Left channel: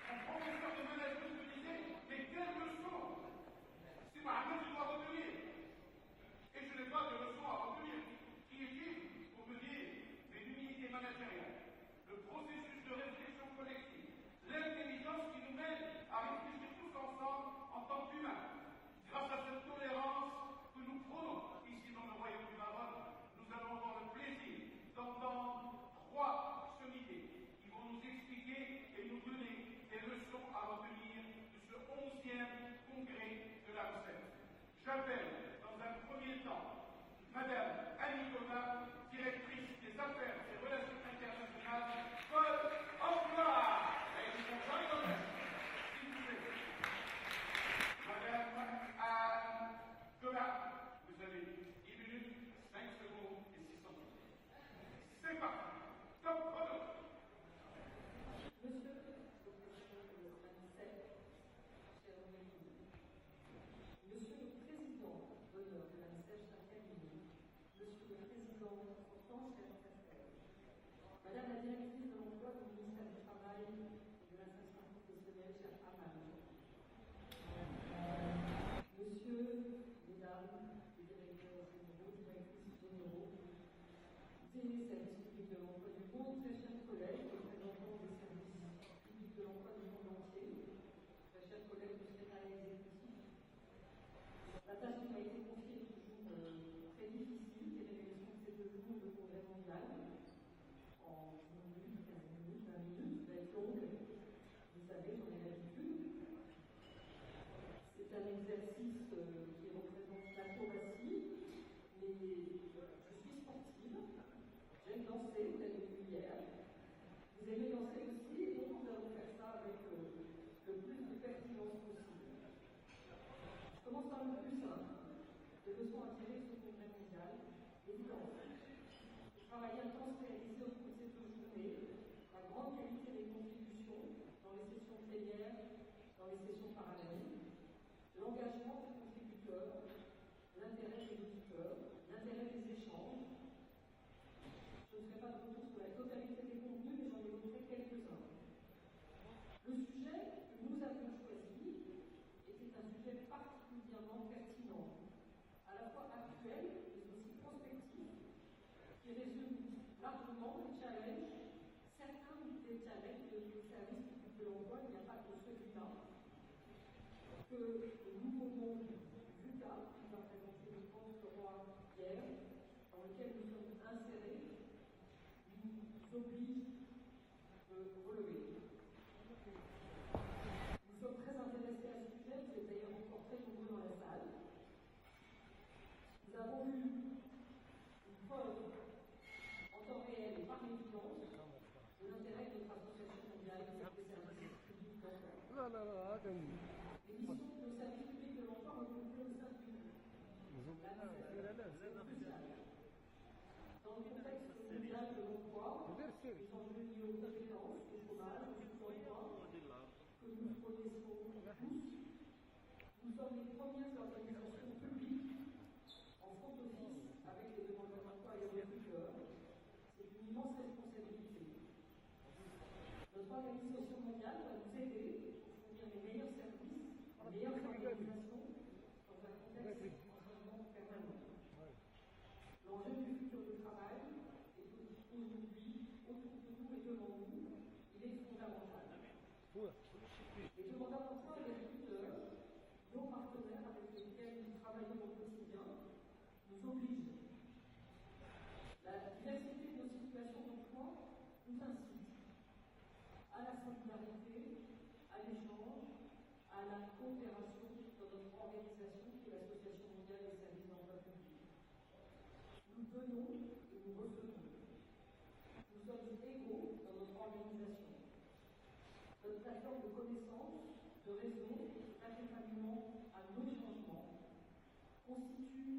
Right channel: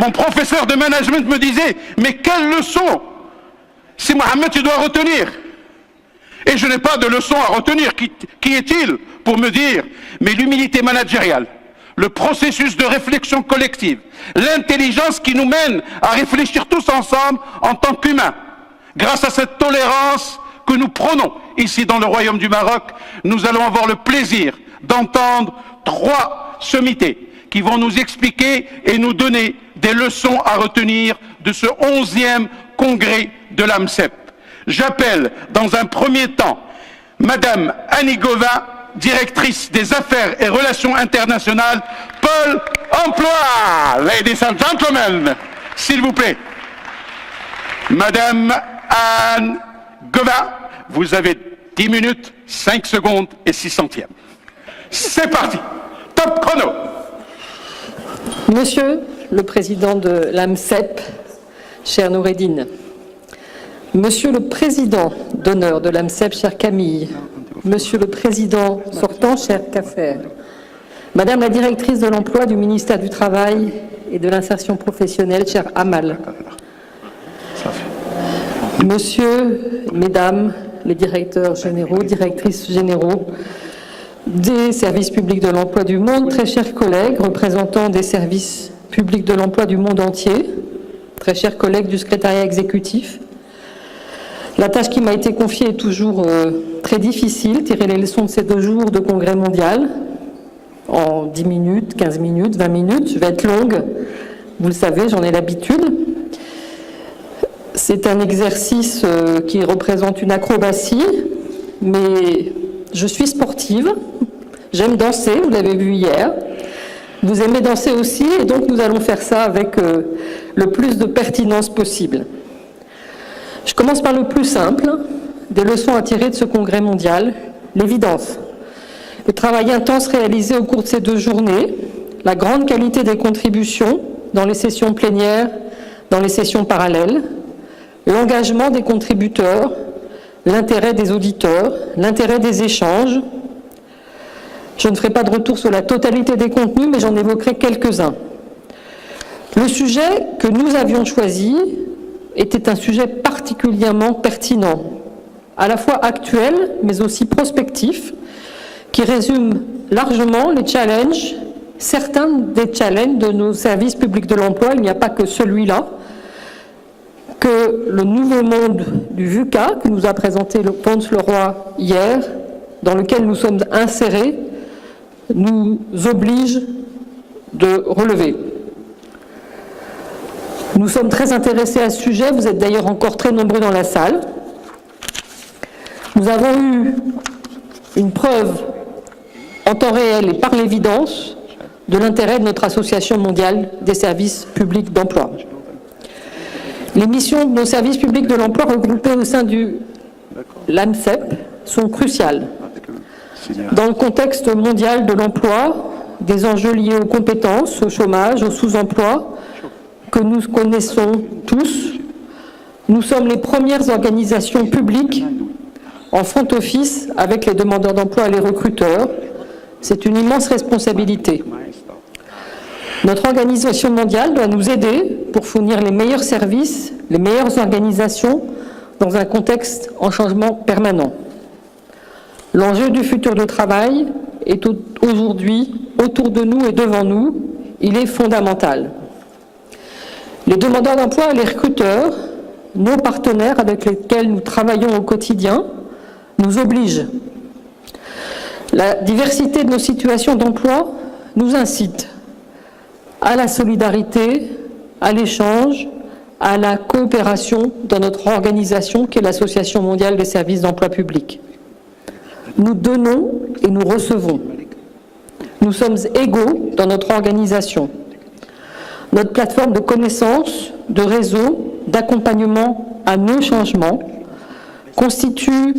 Mon professeur de management me disait, mais quelle leçon si Mohamed tu dois retenir. Et je n'ai pas de leçon à retenir. Qui est-il pour me dire, mais l'humilité managériale, le processus de réflexion collective, l'intelligence qui nous mène à réfléchir tous ensemble en tant qu'humains. Grâce à cette tolérance que nous prônons ici dans le Royaume du Maroc, nous allons avoir le plaisir d'entendre 3 sommités qui vont nous expliquer et nous donner des leçons à retenir de ce 11e congrès de l'AMCEP. J'appelle dans un premier temps Madame Annie Govin, directrice des affaires et relations internationales, Pôle emploi. Ladies and gentlemen, s'il vous plaît. Madame Anne Govin, vous avez 10 minutes, 5 secondes et 6 centièmes. C'est parti. Top chrono. Monsieur le Président de l'AMCEP, cher Noureddine, Monsieur le Président d'honneur de l'AMCEP, cher Camille, Monsieur le Président sortant, cher Kaffer, Madame la Directrice de l'Emploi du ministère du Travail et de l'Insertion professionnelle, cher Amal, Monsieur, Mesdames les directeurs généraux, directrices généraux des services publics de l'emploi du monde, très chers collègues, représentants des services publics de l'emploi du monde entier, très chers collègues du secrétariat exécutif. La tâche qui m'a été confiée est toujours très difficile, tirer les leçons de ces 2 jours de congrès mondial en 10 minutes, 15 minutes, 20 minutes. Je vais être longue, vous le savez, j'en ai l'habitude. C'est un exercice qui représente une acrobatie, mais je suis sportive, j'aime danser, vous l'avez vu hier. Vous aimez danser aussi, et donc nous allons faire ça avec le plus de pertinence possible. Je commence par le plus simple, des leçons à tirer de ce congrès mondial, l'évidence. Le travail intense réalisé au cours de ces 2 journées, la grande qualité des contributions dans les sessions plénières, dans les sessions parallèles, l'engagement des contributeurs, l'intérêt des auditeurs, l'intérêt des échanges. Je ne ferai pas de retour sur la totalité des contenus, mais j'en évoquerai quelques-uns. Le sujet que nous avions choisi était un sujet particulièrement pertinent, à la fois actuel, mais aussi prospectif, qui résume largement les challenges, certains des challenges de nos services publics de l'emploi. Il n'y a pas que celui-là, que le nouveau monde du VUCA, que nous a présenté le Ponce Leroy hier, dans lequel nous sommes insérés, nous oblige de relever. Nous sommes très intéressés à ce sujet, vous êtes d'ailleurs encore très nombreux dans la salle. Nous avons eu une preuve en temps réel et par l'évidence de l'intérêt de notre Association mondiale des services publics d'emploi. Les missions de nos services publics de l'emploi regroupés au sein du l'AMCEP sont cruciales. Dans le contexte mondial de l'emploi, des enjeux liés aux compétences, au chômage, au sous-emploi, que nous connaissons tous, nous sommes les premières organisations publiques en front office avec les demandeurs d'emploi et les recruteurs. C'est une immense responsabilité. Notre organisation mondiale doit nous aider pour fournir les meilleurs services, les meilleures organisations dans un contexte en changement permanent. L'enjeu du futur du travail est aujourd'hui autour de nous et devant nous. Il est fondamental. Les demandeurs d'emploi et les recruteurs, nos partenaires avec lesquels nous travaillons au quotidien, nous obligent. La diversité de nos situations d'emploi nous incite à la solidarité, à l'échange, à la coopération dans notre organisation qui est l'Association mondiale des services d'emploi public. Nous donnons et nous recevons. Nous sommes égaux dans notre organisation. Notre plateforme de connaissances, de réseau, d'accompagnement à nos changements constitue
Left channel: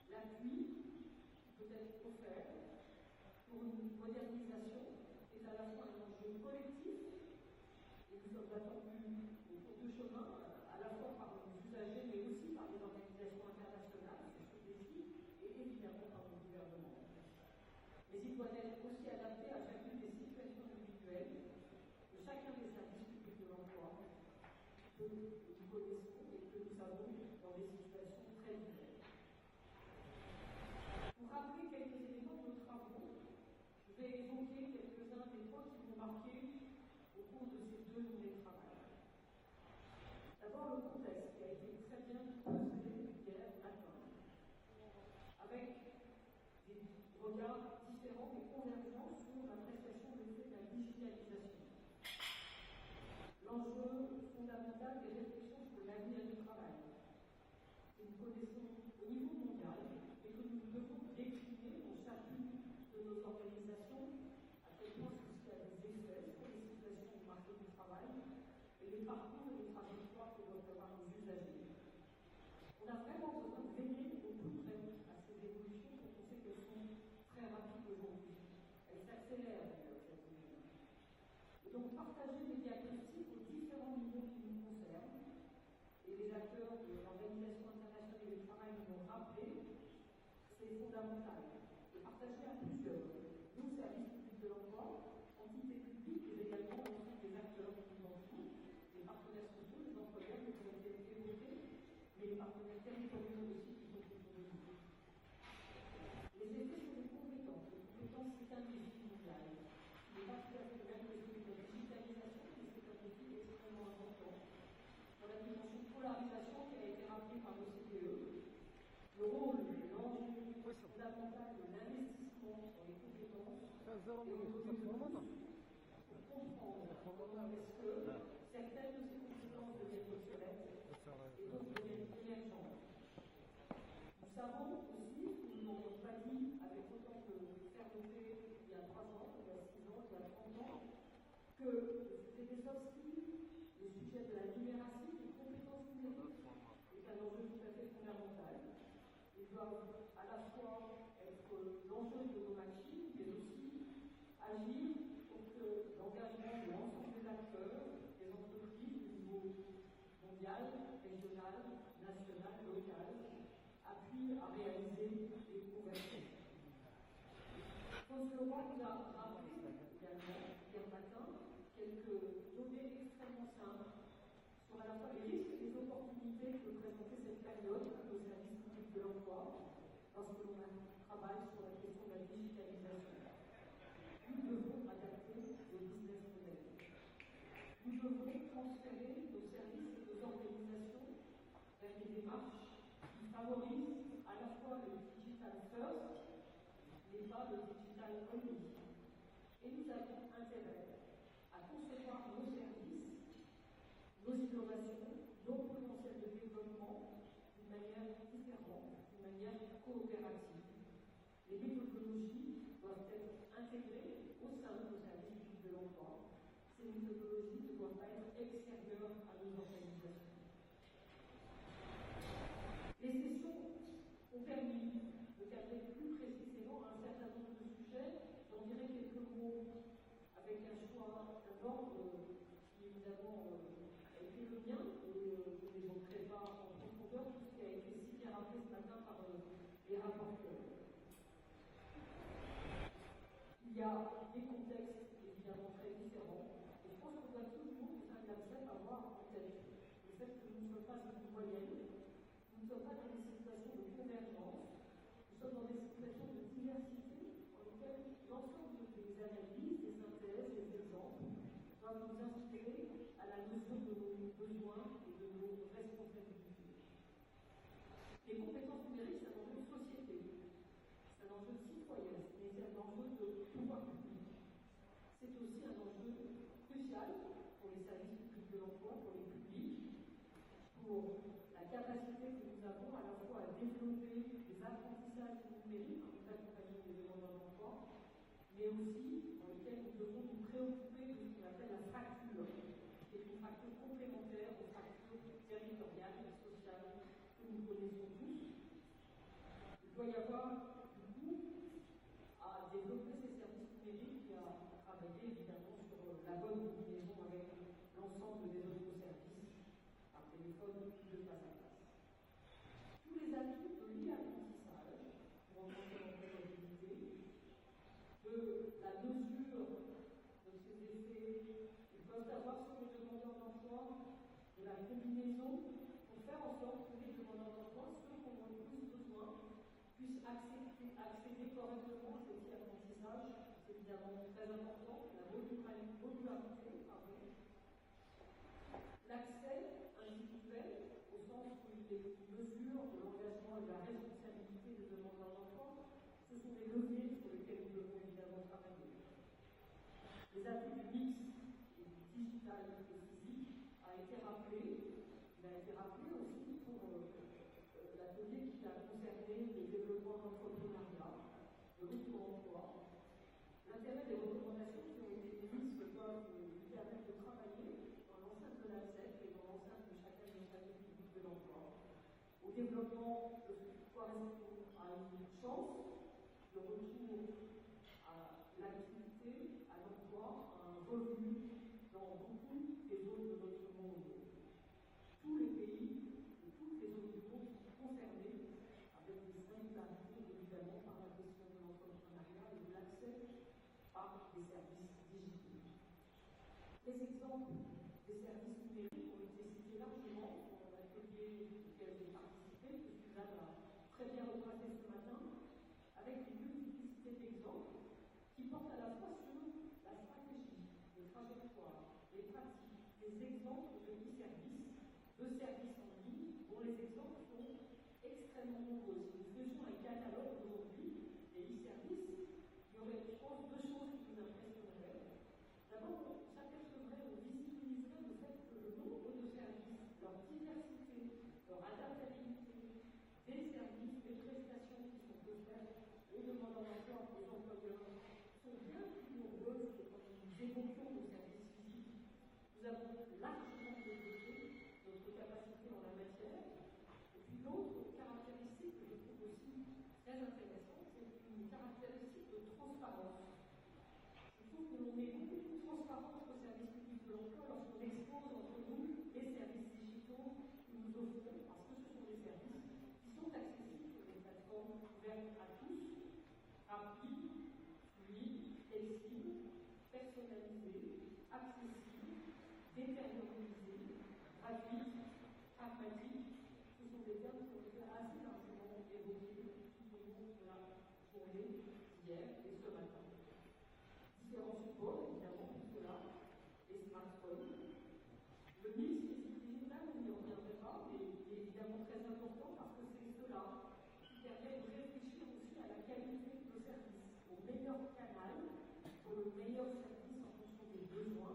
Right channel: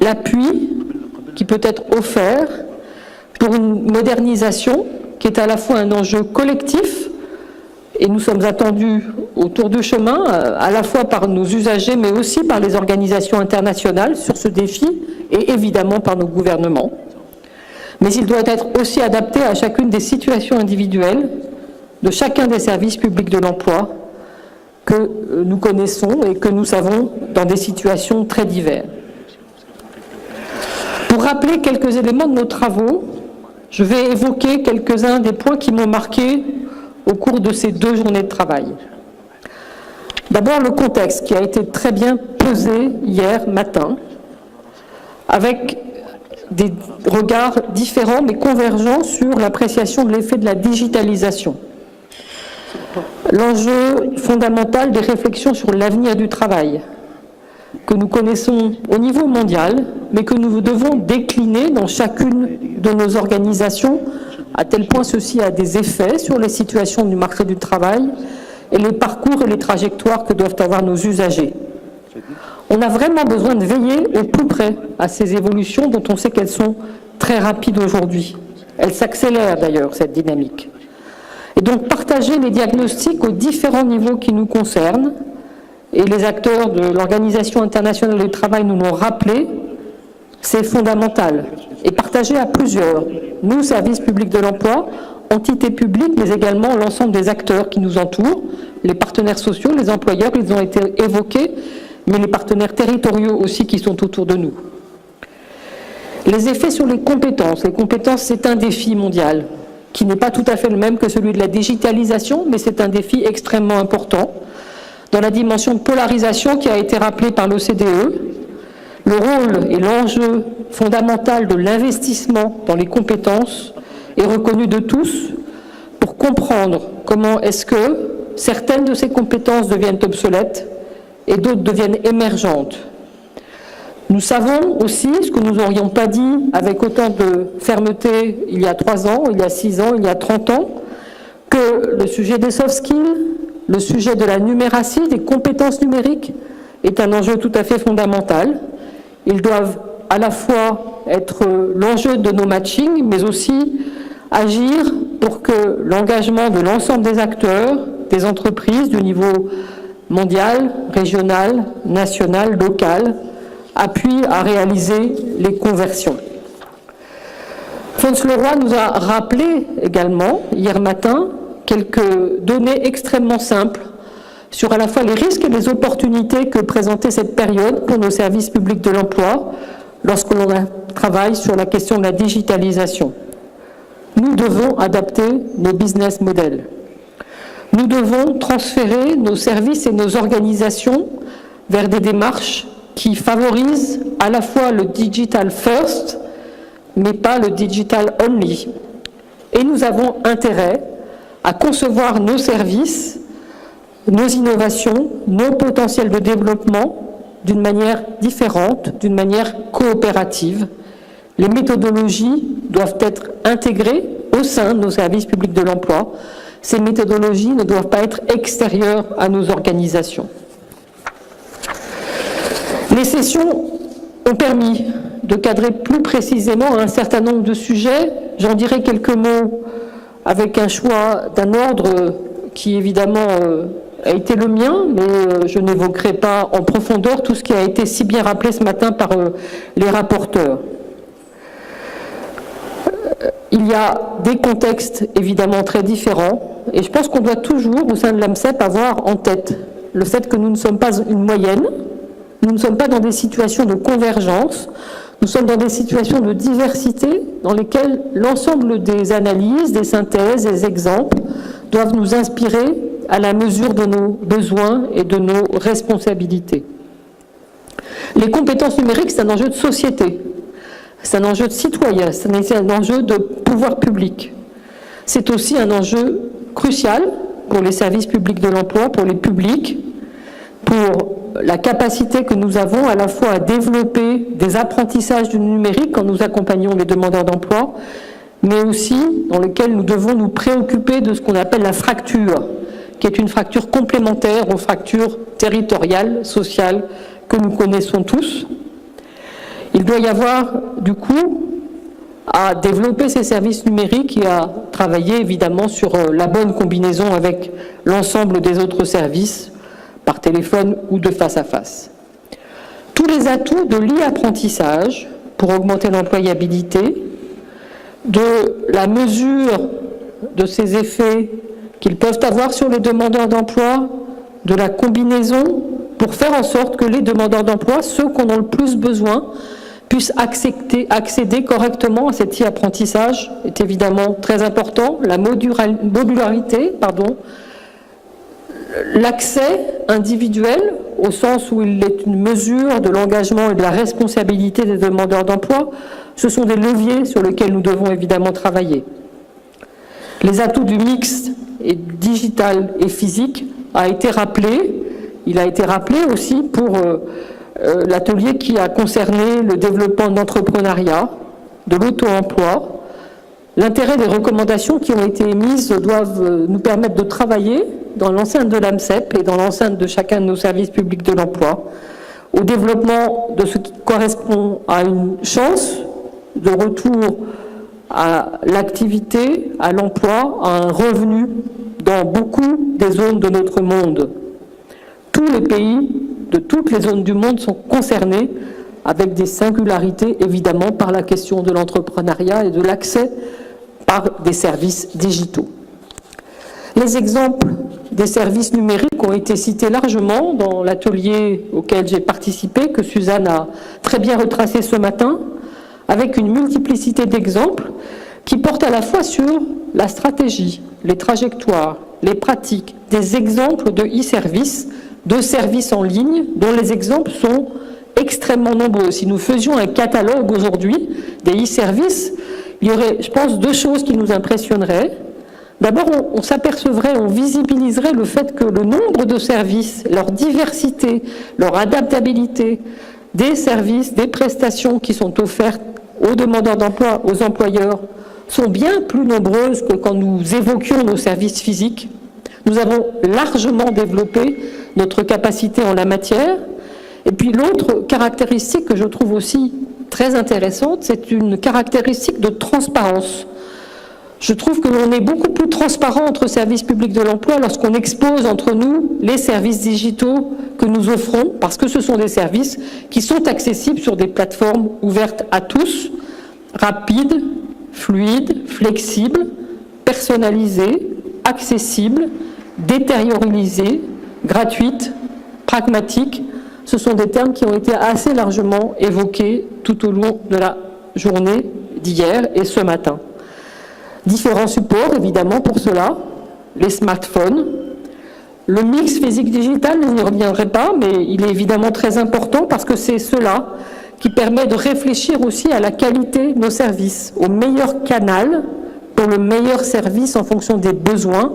l'appui qui peut être offert pour une modernisation qui est à la fois un enjeu collectif, et nous sommes attendus autour du chemin, à la fois par nos usagers, mais aussi par les organisations internationales sur ce défi, et évidemment par nos gouvernements. Mais il doit être aussi adapté à chacune des situations individuelles de chacun des services publics de l'emploi que nous connaissons et que nous savons dans des situations très diverses. Pour rappeler quelques éléments de nos travaux, je vais évoquer quelques-uns des points qui m'ont marqué au cours de ces 2 journées de travail. D'abord, le contexte qui a été très bien posé hier matin, avec des regards différents mais convergents sur l'appréciation de l'effet de la digitalisation. L'enjeu fondamental des réflexions sur l'avenir du travail, que nous connaissons au niveau mondial, mais que nous devons décliner dans chacune de nos organisations, à tel point ceci a des effets sur les situations du marché du travail et les parcours et les trajectoires que doivent avoir nos usagers. On a vraiment besoin de veiller au plus près à ces évolutions dont on sait qu'elles sont très rapides aujourd'hui. Elles s'accélèrent d'ailleurs, cette dynamique. Et donc partager les diagnostics aux différents niveaux qui nous concernent, et les acteurs de l'Organisation internationale du travail nous l'ont rappelé, c'est fondamental. Et partager à plusieurs, nous, services publics de l'emploi, entités publiques, mais également l'ensemble des acteurs qui nous entourent, les partenaires sociaux, les employeurs, ils ont été évoqués, mais les partenaires territoriaux aussi qui sont autour de nous. Les effets sur les compétences, c'est un défi mondial, qui n'est pas tout à fait le même que celui de la digitalisation, mais c'est un défi extrêmement important. Dans la dimension de polarisation qui a été rappelée par l'OCDE, le rôle et l'enjeu fondamental de l'investissement dans les compétences est reconnu de tous pour comprendre comment est-ce que certaines de ces compétences deviennent obsolètes et d'autres deviennent émergentes. Nous savons aussi, ce que nous n'aurions pas dit avec autant de fermeté il y a 3 ans, il y a 6 ans, il y a 30 ans, que le sujet des soft skills, le sujet de la numératie, des compétences numériques, est un enjeu tout à fait fondamental. Ils doivent à la fois être l'enjeu de nos matchings, mais aussi agir pour que l'engagement de l'ensemble des acteurs, des entreprises du niveau mondial, régional, national, local, appuie à réaliser les conversions. Fons Leroy nous a rappelé également, hier matin, quelques données extrêmement simples sur à la fois les risques et les opportunités que présentait cette période pour nos services publics de l'emploi lorsque l'on travaille sur la question de la digitalisation. Nous devons adapter nos business models. Nous devons transférer nos services et nos organisations vers des démarches qui favorisent à la fois le digital first, mais pas le digital only. Et nous avons intérêt à concevoir nos services, nos innovations, nos potentiels de développement d'une manière différente, d'une manière coopérative. Les méthodologies doivent être intégrées au sein de nos services publics de l'emploi. Ces méthodologies ne doivent pas être extérieures à nos organisations. Les sessions ont permis de cadrer plus précisément un certain nombre de sujets. J'en dirai quelques mots avec un choix d'un ordre qui évidemment a été le mien, mais je n'évoquerai pas en profondeur tout ce qui a été si bien rappelé ce matin par les rapporteurs. Il y a des contextes évidemment très différents, et je pense qu'on doit toujours, au sein de l'AMCEP, avoir en tête le fait que nous ne sommes pas une moyenne, nous ne sommes pas dans des situations de convergence, nous sommes dans des situations de diversité dans lesquelles l'ensemble des analyses, des synthèses, des exemples doivent nous inspirer à la mesure de nos besoins et de nos responsabilités. Les compétences numériques, c'est un enjeu de société, c'est un enjeu de citoyen, c'est un enjeu de pouvoir public. C'est aussi un enjeu crucial pour les services publics de l'emploi, pour les publics, pour la capacité que nous avons à la fois à développer des apprentissages du numérique quand nous accompagnons les demandeurs d'emploi, mais aussi dans lequel nous devons nous préoccuper de ce qu'on appelle la fracture, qui est une fracture complémentaire aux fractures territoriales, sociales, que nous connaissons tous. Il doit y avoir, du coup, à développer ces services numériques et à travailler évidemment sur la bonne combinaison avec l'ensemble des autres services, par téléphone ou de face à face. Tous les atouts de l'e-apprentissage pour augmenter l'employabilité, de la mesure de ces effets qu'ils peuvent avoir sur les demandeurs d'emploi, de la combinaison, pour faire en sorte que les demandeurs d'emploi, ceux qui en ont le plus besoin, puissent accéder correctement à cet e-apprentissage est évidemment très important. La modularité, l'accès individuel, au sens où il est une mesure de l'engagement et de la responsabilité des demandeurs d'emploi, ce sont des leviers sur lesquels nous devons évidemment travailler. Les atouts du mix digital et physique a été rappelé. Il a été rappelé aussi pour l'atelier qui a concerné le développement de l'entrepreneuriat, de l'auto-emploi. L'intérêt des recommandations qui ont été émises doivent nous permettre de travailler dans l'enceinte de l'AMCEP et dans l'enceinte de chacun de nos services publics de l'emploi au développement de ce qui correspond à une chance de retour à l'activité, à l'emploi, à un revenu dans beaucoup des zones de notre monde. Tous les pays de toutes les zones du monde sont concernés, avec des singularités évidemment par la question de l'entrepreneuriat et de l'accès par des services digitaux. Les exemples des services numériques ont été cités largement dans l'atelier auquel j'ai participé, que Suzanne a très bien retracé ce matin, avec une multiplicité d'exemples qui portent à la fois sur la stratégie, les trajectoires, les pratiques, des exemples de e-services, de services en ligne, dont les exemples sont extrêmement nombreux. Si nous faisions un catalogue aujourd'hui des e-services, il y aurait, je pense, deux choses qui nous impressionneraient. D'abord, on s'apercevrait, on visibiliserait le fait que le nombre de services, leur diversité, leur adaptabilité, des services, des prestations qui sont offertes aux demandeurs d'emploi, aux employeurs, sont bien plus nombreuses que quand nous évoquions nos services physiques. Nous avons largement développé notre capacité en la matière. Et puis l'autre caractéristique que je trouve aussi très intéressante, c'est une caractéristique de transparence. Je trouve que l'on est beaucoup plus transparent entre services publics de l'emploi lorsqu'on expose entre nous les services digitaux que nous offrons, parce que ce sont des services qui sont accessibles sur des plateformes ouvertes à tous, rapides, fluides, flexibles, personnalisées, accessibles, détériorisées, gratuites, pragmatiques. Ce sont des termes qui ont été assez largement évoqués tout au long de la journée d'hier et ce matin. Différents supports, évidemment, pour cela, les smartphones, le mix physique-digital, je n'y reviendrai pas, mais il est évidemment très important parce que c'est cela qui permet de réfléchir aussi à la qualité de nos services, au meilleur canal pour le meilleur service en fonction des besoins,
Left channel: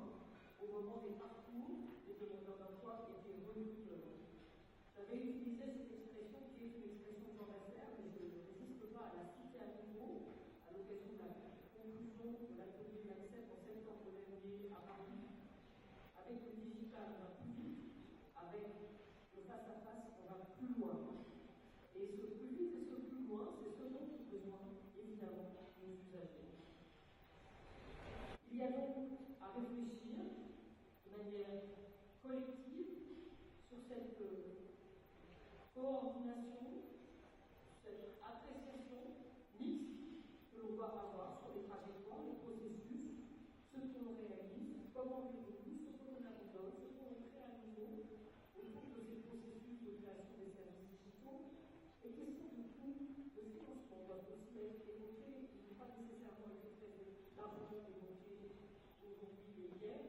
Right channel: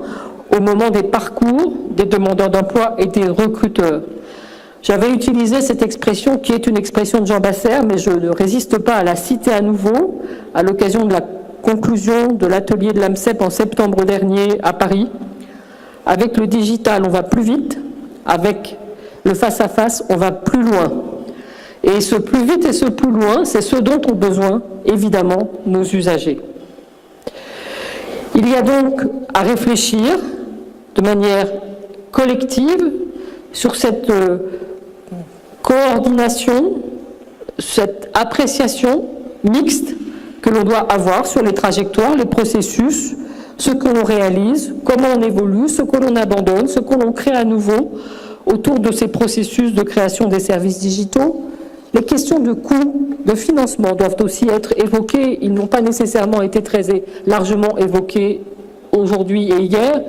au moment des parcours des demandeurs d'emploi et des recruteurs. J'avais utilisé cette expression qui est une expression de Jean Bassère, mais je ne résiste pas à la citer à nouveau à l'occasion de la conclusion de l'atelier de l'AMCEP en septembre dernier à Paris. Avec le digital, on va plus vite. Avec le face-à-face, on va plus loin. Et ce plus vite et ce plus loin, c'est ce dont ont besoin, évidemment, nos usagers. Il y a donc à réfléchir de manière collective sur cette coordination, cette appréciation mixte que l'on doit avoir sur les trajectoires, les processus, ce que l'on réalise, comment on évolue, ce que l'on abandonne, ce que l'on crée à nouveau autour de ces processus de création des services digitaux. Les questions de coût, de financement doivent aussi être évoquées. Ils n'ont pas nécessairement été très largement évoqués aujourd'hui et hier,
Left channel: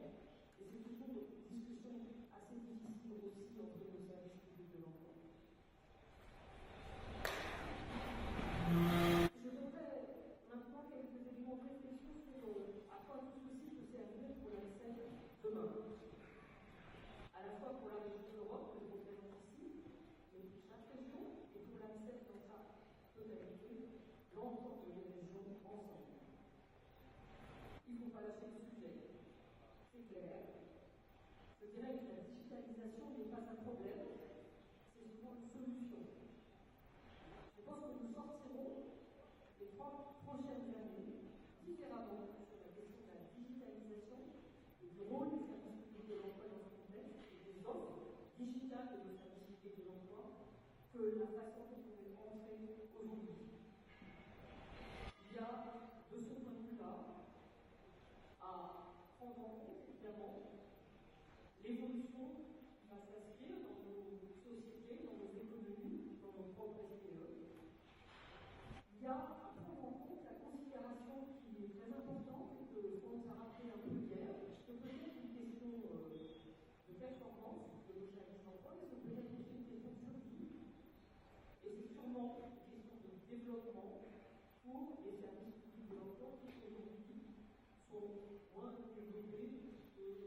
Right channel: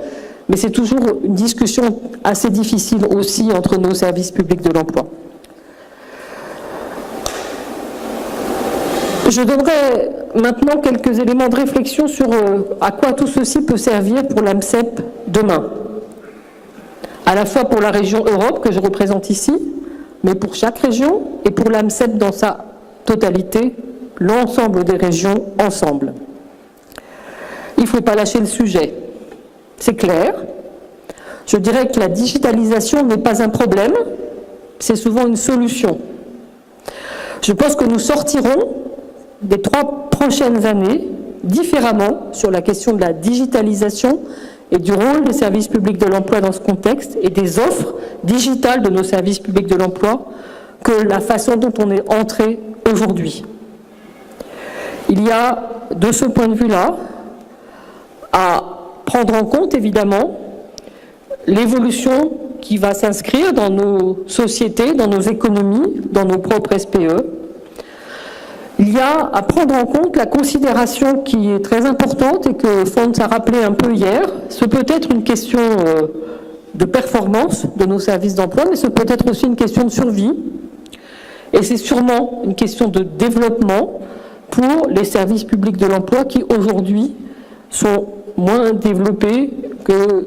mais c'est toujours une discussion assez difficile aussi entre nos services publics de l'emploi. Je donnerai maintenant quelques éléments de réflexion sur à quoi tout ceci peut servir pour l'AMCEP demain. À la fois pour la région Europe que je représente ici, mais pour chaque région et pour l'AMCEP dans sa totalité, l'ensemble des régions ensemble. Il ne faut pas lâcher le sujet, c'est clair. Je dirais que la digitalisation n'est pas un problème, c'est souvent une solution. Je pense que nous sortirons des 3 prochaines années différemment sur la question de la digitalisation et du rôle des services publics de l'emploi dans ce contexte et des offres digitales de nos services publics de l'emploi que la façon dont on est entré aujourd'hui. Il y a, de ce point de vue-là, à prendre en compte évidemment l'évolution qui va s'inscrire dans nos sociétés, dans nos économies, dans nos propres SPE. Il y a à prendre en compte la considération qui est très importante et que Fons a rappelé un peu hier. Ce peut être une question de performance de nos services d'emploi, mais ce peut être aussi une question de survie. Et c'est sûrement une question de développement pour les services publics de l'emploi qui aujourd'hui sont moins développés que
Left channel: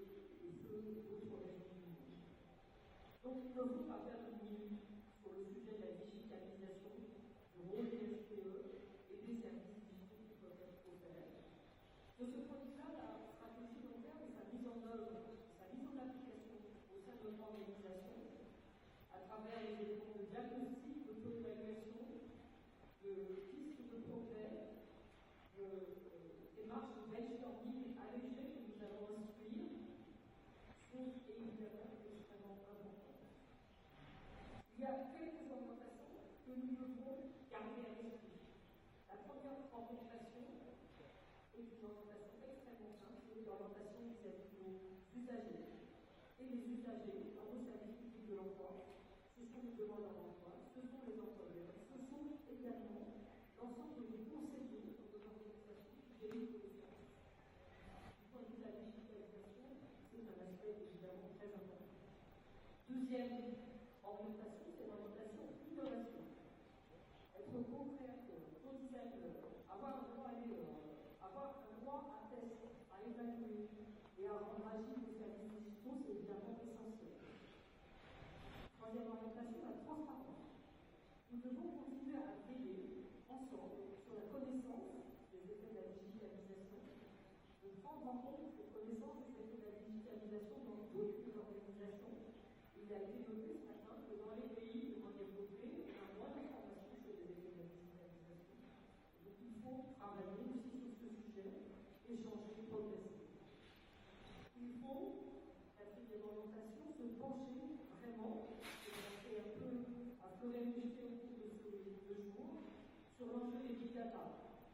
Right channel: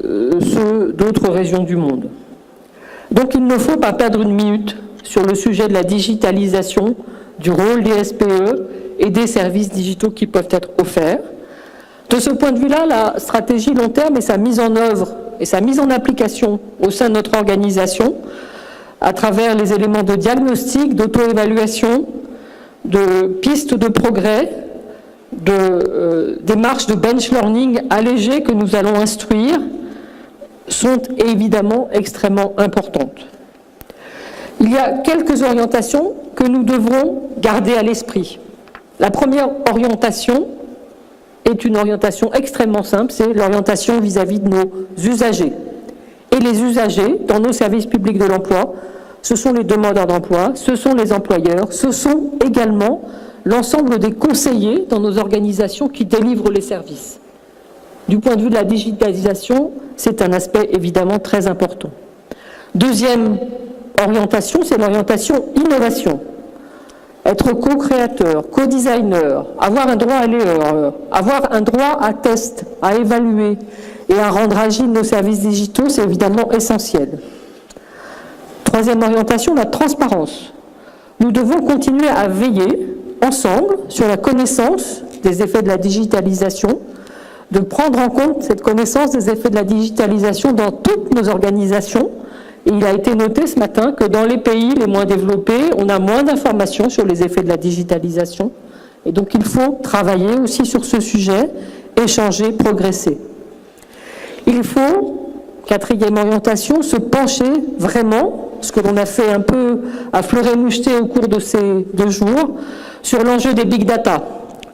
ceux d'autres régions du monde. Donc il ne faut pas perdre une minute sur le sujet de la digitalisation, du rôle des SPE et des services digitaux qui peuvent être offerts. De ce point de vue-là, la stratégie long terme et sa mise en œuvre et sa mise en application au sein de notre organisation, à travers les éléments de diagnostic, d'auto-évaluation, de pistes de progrès, de démarches de bench learning allégées que nous allons instruire, sont évidemment extrêmement importantes. Il y a quelques orientations que nous devrons garder à l'esprit. La première orientation est une orientation extrêmement simple, c'est l'orientation vis-à-vis de nos usagers. Et les usagers, dans nos services publics de l'emploi, ce sont les demandeurs d'emploi, ce sont les employeurs, ce sont également l'ensemble des conseillers dans nos organisations qui délivrent les services. Du point de vue de la digitalisation, c'est un aspect évidemment très important. Deuxième orientation, c'est l'orientation innovation. Être co-créateur, co-designer, avoir un droit à l'erreur, avoir un droit à test, à évaluer et à rendre agiles nos services digitaux, c'est évidemment essentiel. Troisième orientation, la transparence. Nous devons continuer à veiller ensemble sur la connaissance des effets de la digitalisation, de prendre en compte cette connaissance des effets de la digitalisation dans toutes nos organisations. Et il a été noté ce matin que dans les pays les moins développés, on a moins d'informations sur les effets de la digitalisation. Et donc il faut travailler aussi sur ce sujet, échanger, progresser. Il faut, quatrième orientation, se pencher vraiment, ce que l'on a fait un peu à fleur et moucheté au cours de ces 2 jours, sur l'enjeu des big data,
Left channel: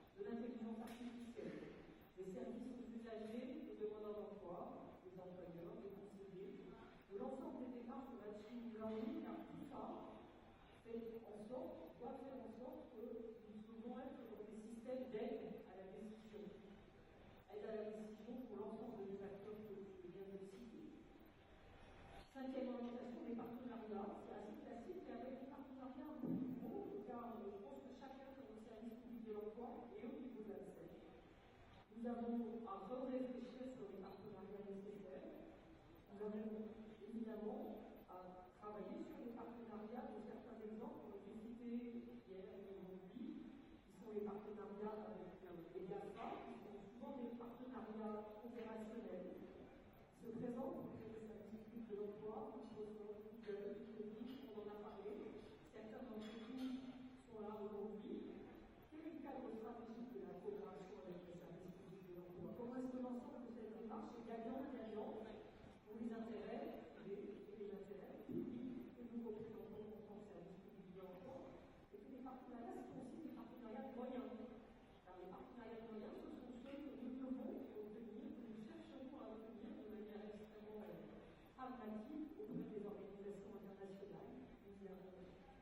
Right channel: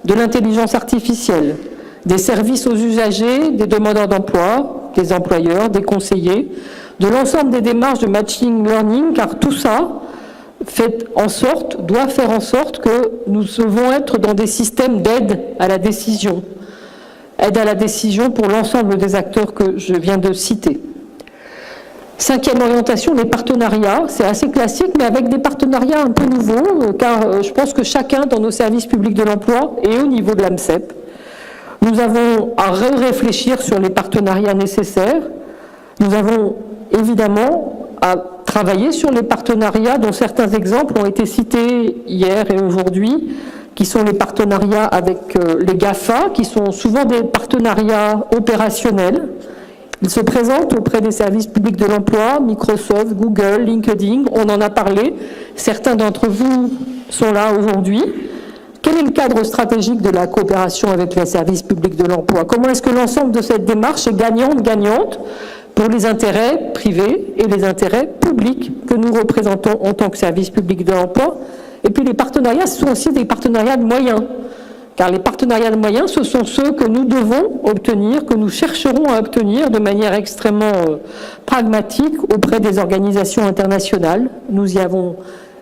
de l'intelligence artificielle, des services aux usagers, des demandeurs d'emploi, des employeurs, des conseillers, de l'ensemble des démarches de machine learning, car tout ça doit faire en sorte que nous devons être dans des systèmes d'aide à la décision. Aide à la décision pour l'ensemble des acteurs que je viens de citer. Cinquième orientation, les partenariats. C'est assez classique, mais avec des partenariats un peu nouveaux, car je pense que chacun dans nos services publics de l'emploi et au niveau de l'AMCEP, nous avons à réfléchir sur les partenariats nécessaires. Nous avons évidemment à travailler sur les partenariats dont certains exemples ont été cités hier et aujourd'hui, qui sont les partenariats avec les GAFA, qui sont souvent des partenariats opérationnels. Ils se présentent auprès des services publics de l'emploi, Microsoft, Google, LinkedIn, on en a parlé. Certains d'entre vous sont là aujourd'hui. Quel est le cadre stratégique de la coopération avec les services publics de l'emploi? Comment est-ce que l'ensemble de cette démarche est gagnante pour les intérêts privés et les intérêts publics que nous représentons en tant que service public de l'emploi? Et puis les partenariats, ce sont aussi des partenariats de moyens. Car les partenariats de moyens, ce sont ceux que nous devons obtenir, que nous chercherons à obtenir de manière extrêmement pragmatique auprès des organisations internationales. Nous y avons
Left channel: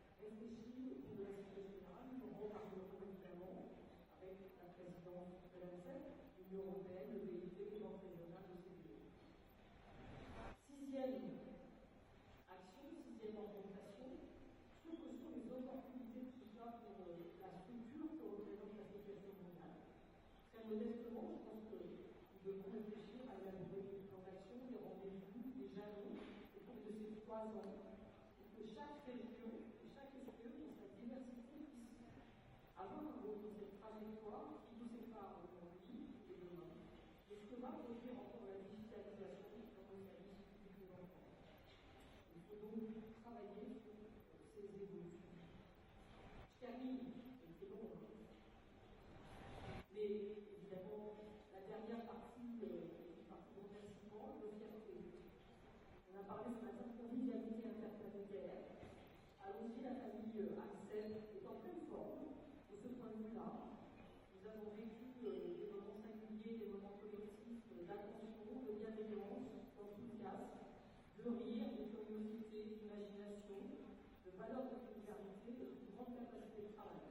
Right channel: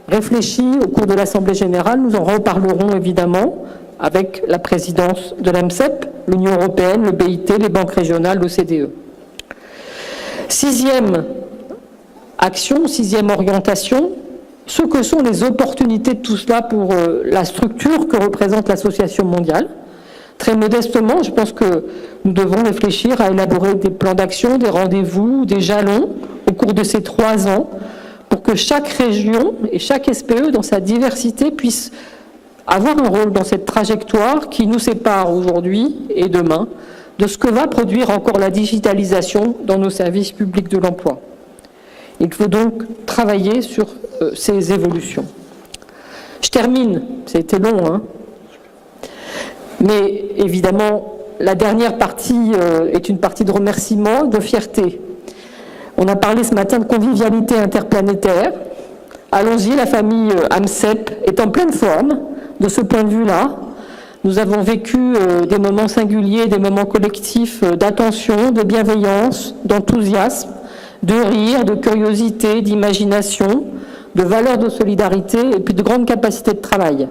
réfléchi au cours de l'Assemblée générale, nous en reparlerons évidemment avec la présidence de l'AMCEP, l'Union européenne, le BIT, les banques régionales, l'OCDE. Sixième action, sixième orientation, ce que sont les opportunités de tout cela pour la structure que représente l'Association mondiale. Très modestement, je pense que nous devons réfléchir à élaborer des plans d'action, des rendez-vous, des jalons au cours de ces 3 ans pour que chaque région et chaque SPE dans sa diversité puisse avoir un rôle dans cette trajectoire qui nous sépare aujourd'hui et demain de ce que va produire encore la digitalisation dans nos services publics de l'emploi. Il faut donc travailler sur ces évolutions. Je termine, ça a été long, hein, mais évidemment, la dernière partie est une partie de remerciement, de fierté. On a parlé ce matin de convivialité interplanétaire. Allons-y, la famille AMCEP est en pleine forme de ce point de vue-là. Nous avons vécu des moments singuliers, des moments collectifs d'attention, de bienveillance, d'enthousiasme, de rire, de curiosité, d'imagination, de valeurs de solidarité et puis de grande capacité de travail.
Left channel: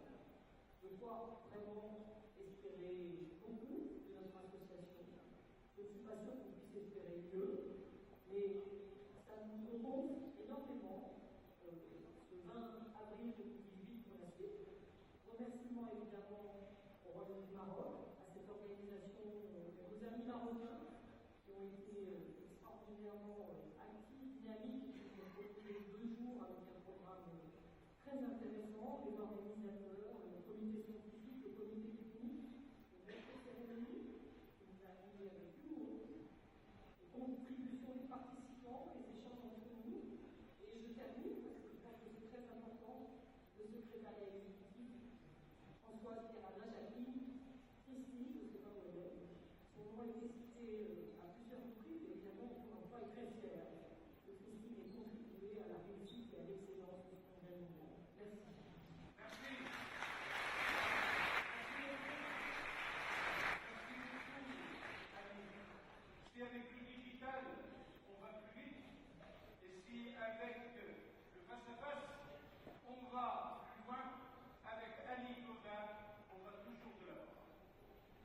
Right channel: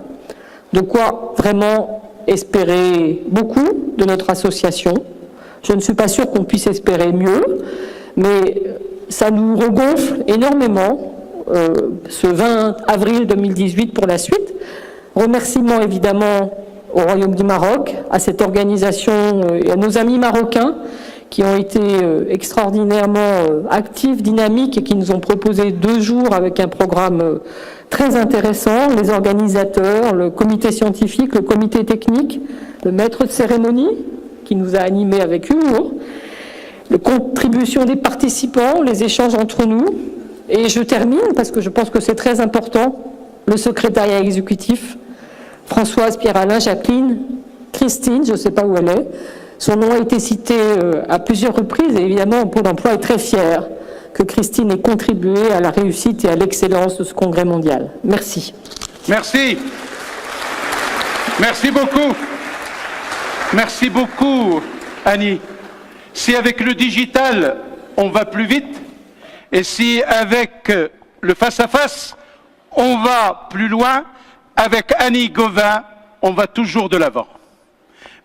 De quoi vraiment espérer beaucoup de notre association. Je ne suis pas sûre qu'on puisse espérer mieux, mais ça nous regonfle énormément ce 20 avril 2018 pour la suite. Remerciements évidemment au Royaume du Maroc, à cette organisation et à nos amis marocains qui ont été extraordinairement actifs, dynamiques et qui nous ont proposé 2 jours avec un programme très intéressant, les organisateurs, le comité scientifique, le comité technique, le maître de cérémonie qui nous a animés avec humour, la contribution des participants, les échanges entre nous. Et je termine, parce que je pense que c'est très important, le secrétariat exécutif, Françoise, Pierre-Alain, Jacqueline, Christine, je ne sais pas où elle est. Son nom a été cité à plusieurs reprises et évidemment, Pôle emploi est très fier que Christine ait contribué à la réussite et à l'excellence de ce congrès mondial. Merci. Merci. Merci beaucoup. Merci beaucoup, Annie. Si avec le digital, on va plus vite, et si avec le face-à-face, on va plus loin, avec Annie Gauvin, on va toujours de l'avant.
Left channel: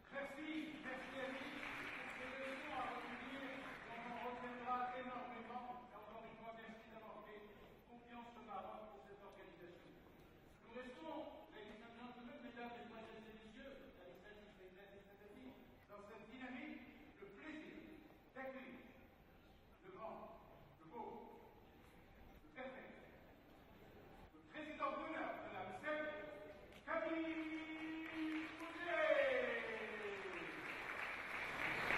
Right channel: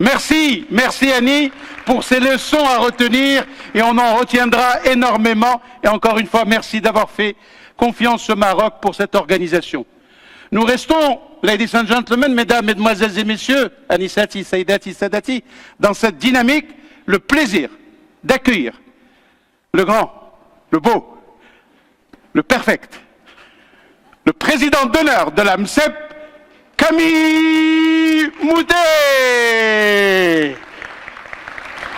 Merci, merci Annie pour ces leçons à retenir et on en retiendra énormément. Et encore une fois, merci d'avoir fait confiance au Maroc pour cette organisation. Nous restons, ladies and gentlemen, mesdames, mesdemoiselles et messieurs, Anissati, Saïdati, Sadati, dans cette dynamique, le plaisir d'accueillir le grand, le beau, le perfect, le président d'honneur de la MCEP, Camille Moudet.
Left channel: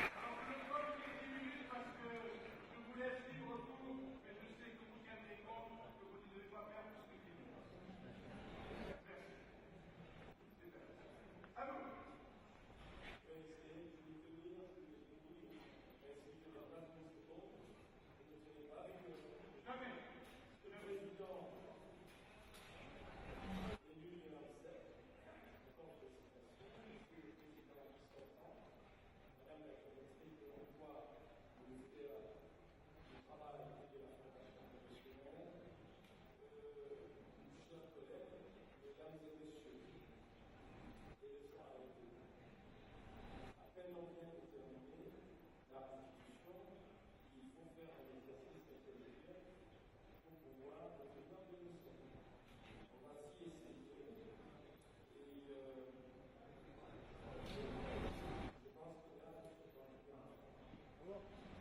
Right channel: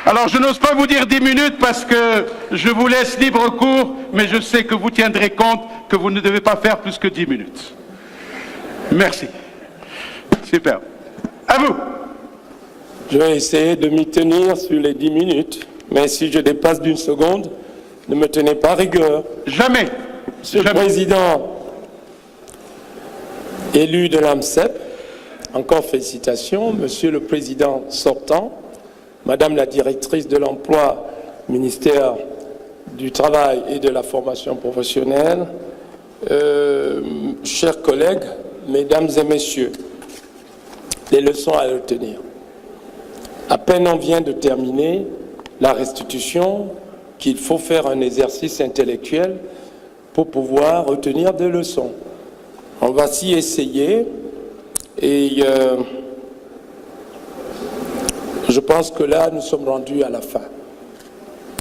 Alors je n'ose pas vous dire 10 minutes parce que je vous laisse libre cours, mais je sais que vous tiendrez compte que vous ne devez pas faire plus que 10 minutes. Merci. Super. À vous. Je vais essayer de m'y tenir sur les 10 minutes, mais si je dépasse d'1 seconde, ne me tenez pas rigueur. Jamais. Monsieur le Président élu de l'AMCEP, encore félicitations. Monsieur le Président sortant, Madame la directrice de l'emploi, ministère du Travail et de la formation professionnelle, chers collègues, mesdames et messieurs, les leçons à retenir. À peine on vient de terminer la restitution qu'il faut faire un exercice intellectuel pour pouvoir retenir des leçons. On va s'y essayer et je pense que là, nous sommes rendus à la fin.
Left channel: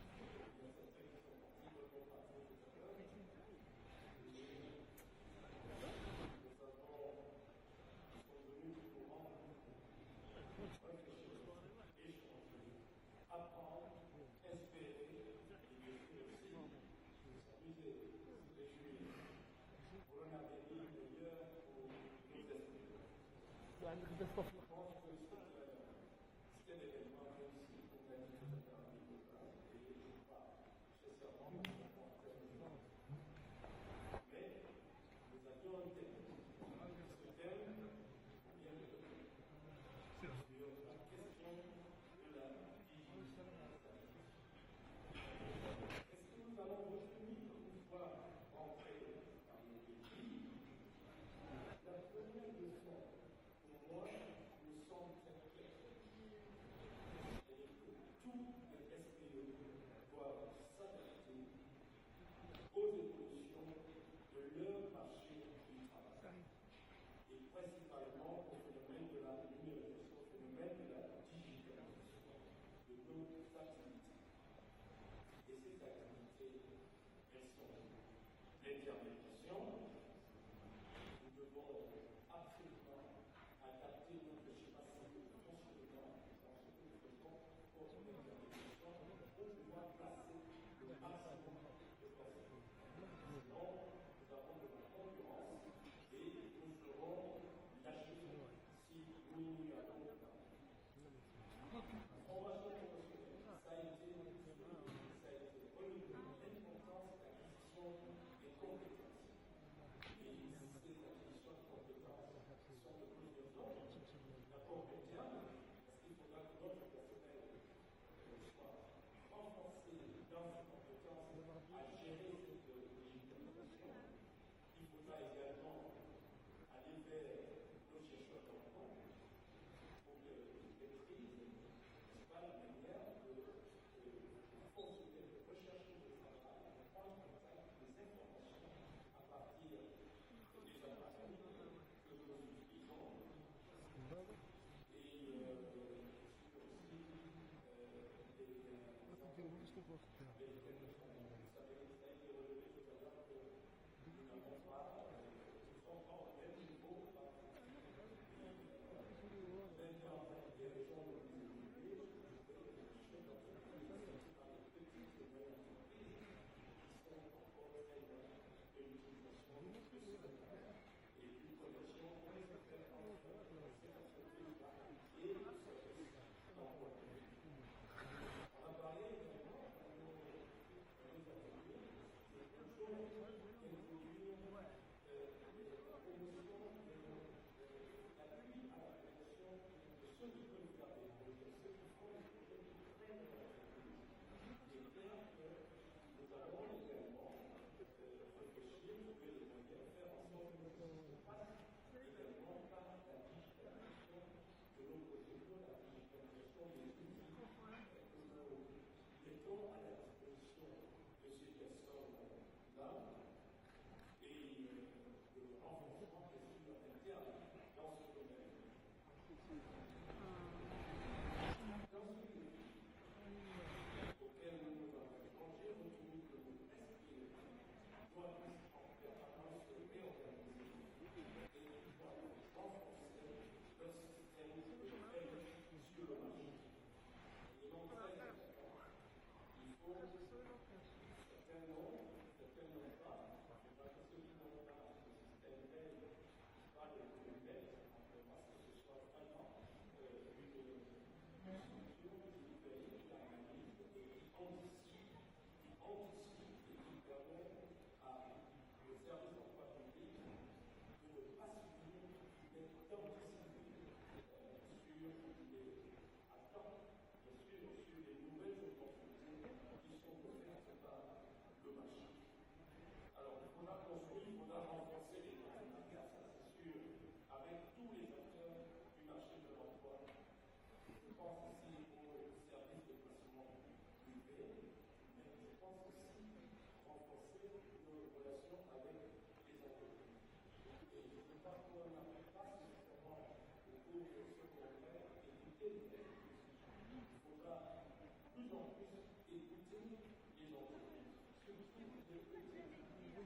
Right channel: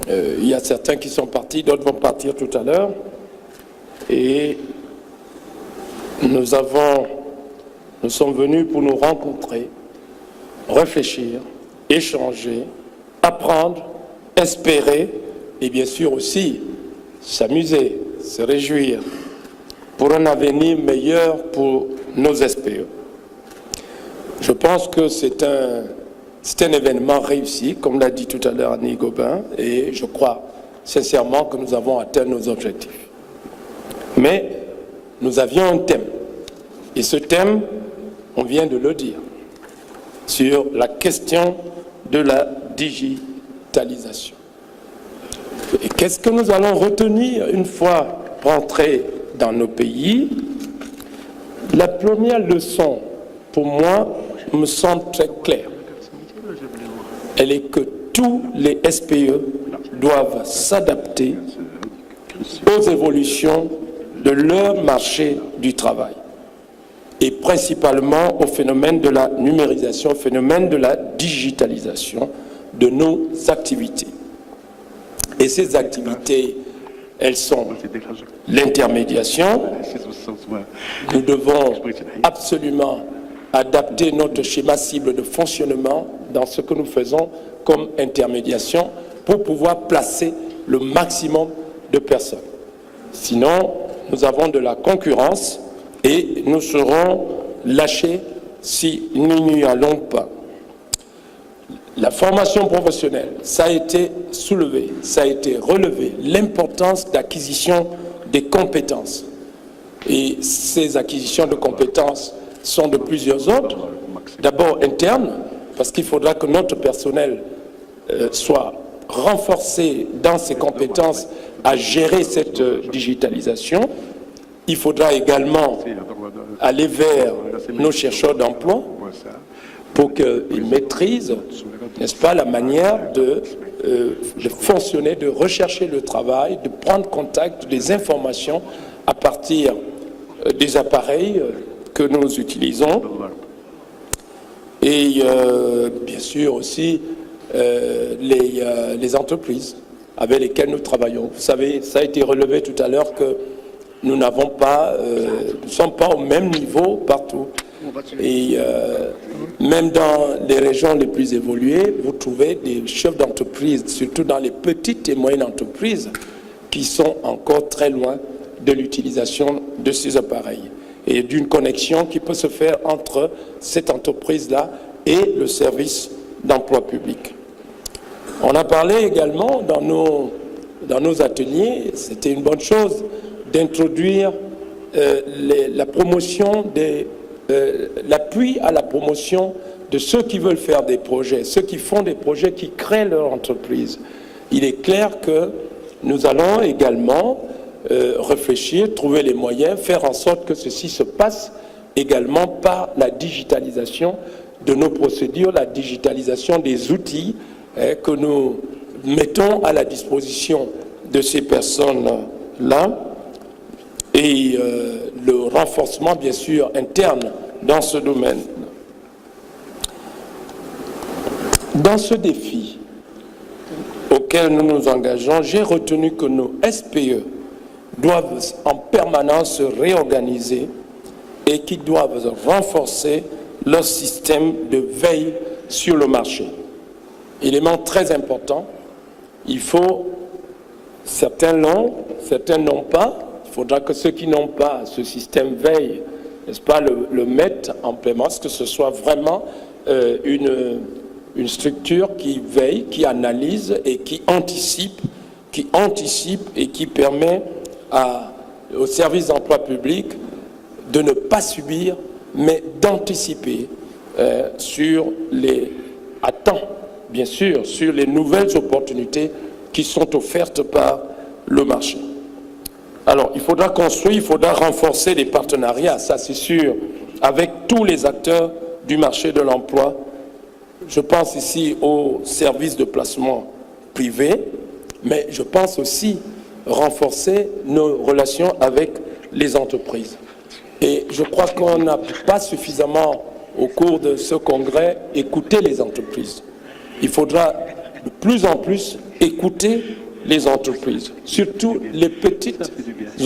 Il y a certains qui sont partis, d'autres vont partir tout à l'heure. Et nous sommes venus pour nous rencontrer, réfléchir, échanger, apprendre, espérer et bien sûr aussi s'amuser, se réjouir pour un avenir meilleur pour nos SPE. Je pense que c'est un événement réussi, comme l'a dit tout à l'heure Annie Gauvin, et je crois sincèrement que nous avons atteint nos objectifs. Mais nous avions un thème, et ce thème, on vient de le dire, sur la question de la digitalisation. Et qu'est-ce que nous allons retenir une fois rentrés dans nos pays? La première leçon, pour moi, me semble très claire. Elle est que tous les SPE doivent s'adapter aux évolutions de leur marché du travail et principalement au phénomène de la numérisation, au phénomène de la digitalisation de nos activités. Et ces activités, elles sont l'intermédiation. Nous devons absolument adapter notre schéma cible de fonctionnement dans ce que nous faisons comme intermédiation pour pouvoir placer le maximum de personnes. Sinon, nous avons de la concurrence et nous serons lâchés si nous n'y allons pas. La formation professionnelle, ça a été soulevé, ça a été relevé, l'importance d'acquisition des compétences. Et ces acquisitions de compétences sont de plusieurs ordres. d'abord interne, parce qu'il faudra que notre personnel soit renforcé dans ses compétences à gérer cette digitalisation. Il faudra également aller vers nos chercheurs d'emploi pour qu'ils maîtrisent, n'est-ce pas, la manière de fonctionner, de rechercher le travail, de prendre contact des informations à partir des appareils que nous utilisons. Et bien sûr aussi les entreprises avec lesquelles nous travaillons. Vous savez, ça a été relevé tout à l'heure que nous n'avons pas, nous ne sommes pas au même niveau partout. Et même dans les régions les plus évoluées, vous trouvez des chefs d'entreprise, surtout dans les petites et moyennes entreprises, qui sont encore très loin de l'utilisation de ces appareils et d'une connexion qui peut se faire entre cette entreprise-là et le service d'emploi public. On a parlé également dans nos ateliers, c'était une bonne chose, d'introduire la promotion l'appui à la promotion de ceux qui veulent faire des projets, ceux qui font des projets, qui créent leur entreprise. Il est clair que nous allons également réfléchir, trouver les moyens, faire en sorte que ceci se passe également par la digitalisation de nos procédures, la digitalisation des outils que nous mettons à la disposition de ces personnes-là et le renforcement, bien sûr, interne dans ce domaine. Dans ce défi auquel nous nous engageons, j'ai retenu que nos SPE doivent en permanence se réorganiser et qu'ils doivent renforcer leur système de veille sur le marché. Élément très important, il faut, certains l'ont, certains n'ont pas, il faudra que ceux qui n'ont pas ce système veille, n'est-ce pas, le mettent en paiement, que ce soit vraiment une structure qui veille, qui analyse et qui anticipe et qui permet au service d'emploi public de ne pas subir, mais d'anticiper à temps, bien sûr, sur les nouvelles opportunités qui sont offertes par le marché. Alors, il faudra construire, il faudra renforcer les partenariats, ça c'est sûr, avec tous les acteurs du marché de l'emploi. Je pense ici aux services de placement privés, mais je pense aussi renforcer nos relations avec les entreprises. Et je crois qu'on n'a pas suffisamment, au cours de ce congrès, écouté les entreprises. Il faudra de plus en plus écouter les entreprises, surtout les petites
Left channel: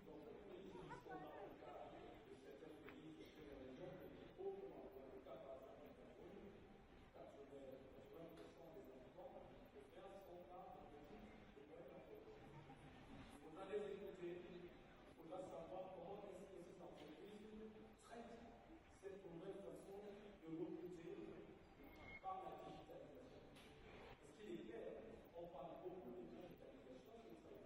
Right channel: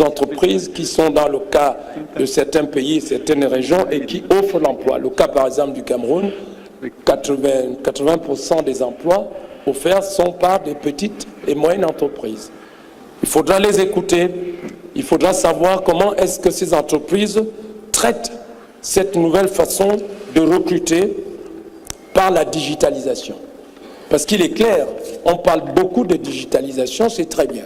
entreprises qui sont dans le cas de certains pays, certaines régions et qui offrent l'emploi. Le cas par exemple du Cameroun, 80% des emplois offerts sont par des petites et moyennes entreprises. Il faudra les écouter, il faudra savoir comment est-ce que ces entreprises traitent cette nouvelle façon de recruter par la digitalisation. Parce qu'il est clair, on parle beaucoup de digitalisation, c'est très bien.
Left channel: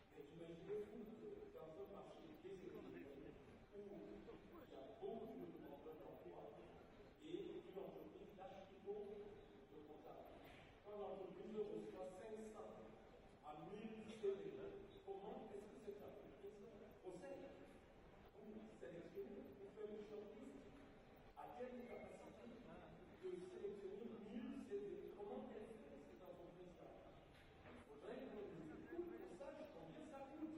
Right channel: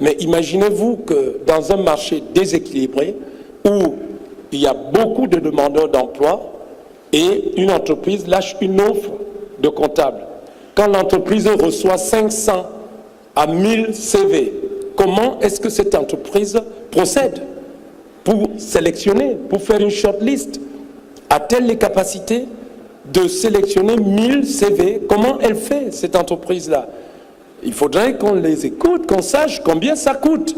Mais imaginez-vous que dans un marché déséquilibré, où il y a beaucoup de demandeurs d'emploi, et une entreprise lâche une offre de comptable. Quand l'entreprise reçoit 500 à 1000 CV, comment est-ce que cette entreprise procède pour sélectionner, pour faire une shortlist? A-t-elle les capacités de sélectionner 1000 CV? Comment elle fait, cette entreprise-là? Il faudrait qu'on les écoute, qu'on sache combien ça coûte,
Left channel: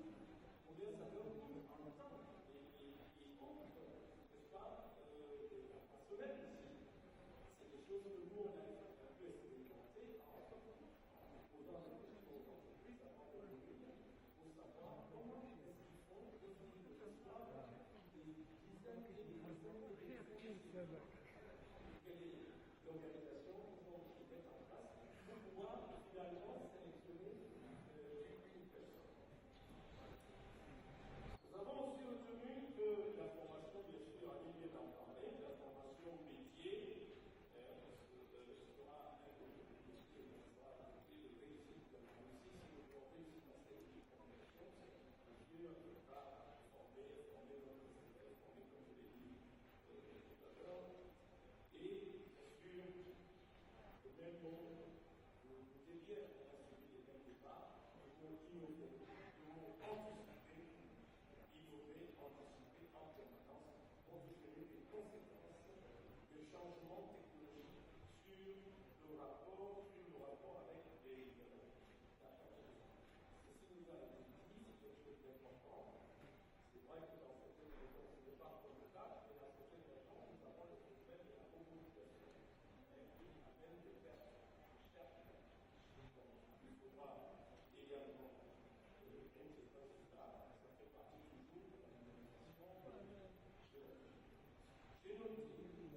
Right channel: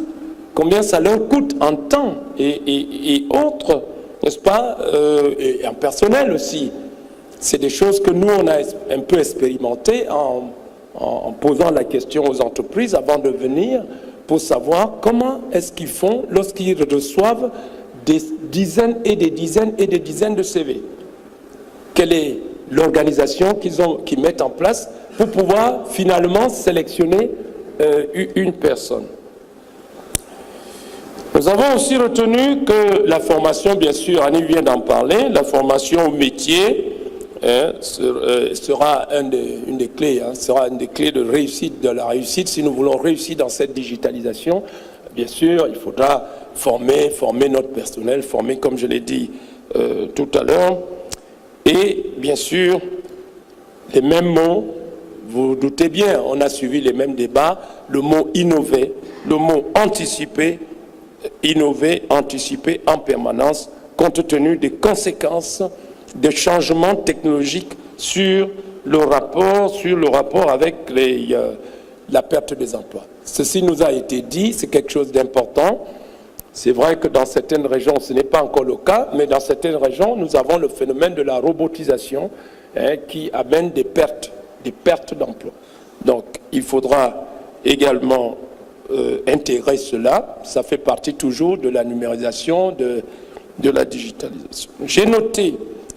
combien ça leur coûte en temps et autres, n'est-ce pas, et en personnel aussi. C'est des choses que nous, on a un peu expérimentées en posant la question aux entreprises avant de venir pour savoir comment est-ce qu'ils font lorsqu'ils reçoivent des dizaines et des dizaines et des dizaines de CV. Quelle est l'organisation qu'ils mettent en place pour pouvoir finalement sélectionner une personne. Nous avons aussi retenu que la formation, bien sûr, Annie vient d'en parler, la formation au métier sera une des clés, sera une des clés de la réussite. Si nous voulons réussir dans cette digitalisation, bien sûr, il faudra former notre personnel, former, comme je l'ai dit tout à l'heure. Et bien sûr, les mêmes mots, vous doutez bien, on a suivi les mêmes débats, le mot innover, le mot anticiper, innover, anticiper en permanence, compte tenu des conséquences des changements technologiques sur le rapport avec la perte des emplois. Ceci nous a été dit, c'est quelque chose d'important. C'est vrai que dans certaines régions, ce n'est pas encore le cas, mais dans certaines régions, nous avons le phénomène de la robotisation qui amène des pertes d'emplois. Donc, il faudra également intégrer cela. Ça fait partie toujours de la numérisation, de la digitalisation. J'ai noté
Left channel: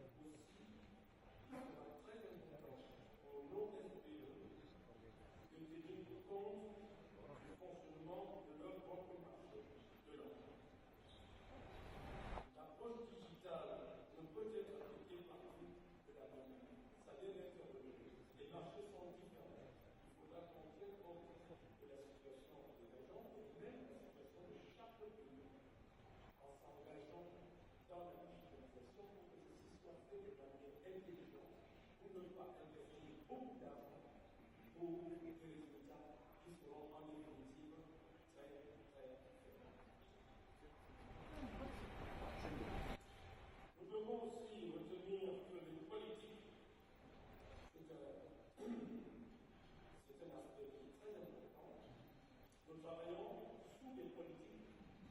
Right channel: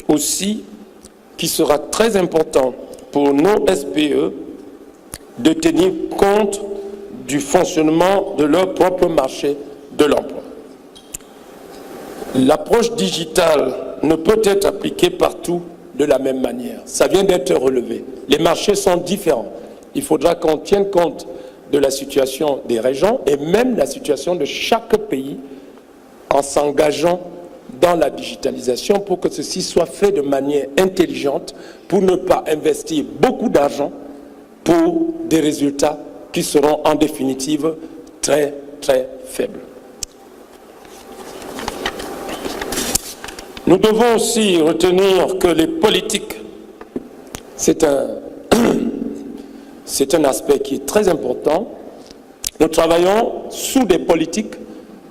aussi qu'il sera très important pour nos SPE de tenir compte du fonctionnement de leur propre marché de l'emploi. L'approche digitale ne peut être appliquée partout de la même manière. Ça vient d'être relevé. Les marchés sont différents. Il faudra qu'on tienne compte de la situation des régions et même la situation de chaque pays en s'engageant dans la digitalisation pour que ceci soit fait de manière intelligente, pour ne pas investir beaucoup d'argent pour des résultats qui seront en définitive très, très faibles. Nous devons aussi retenir que les politiques, c'est un aspect qui est très important. Nous travaillons sous des politiques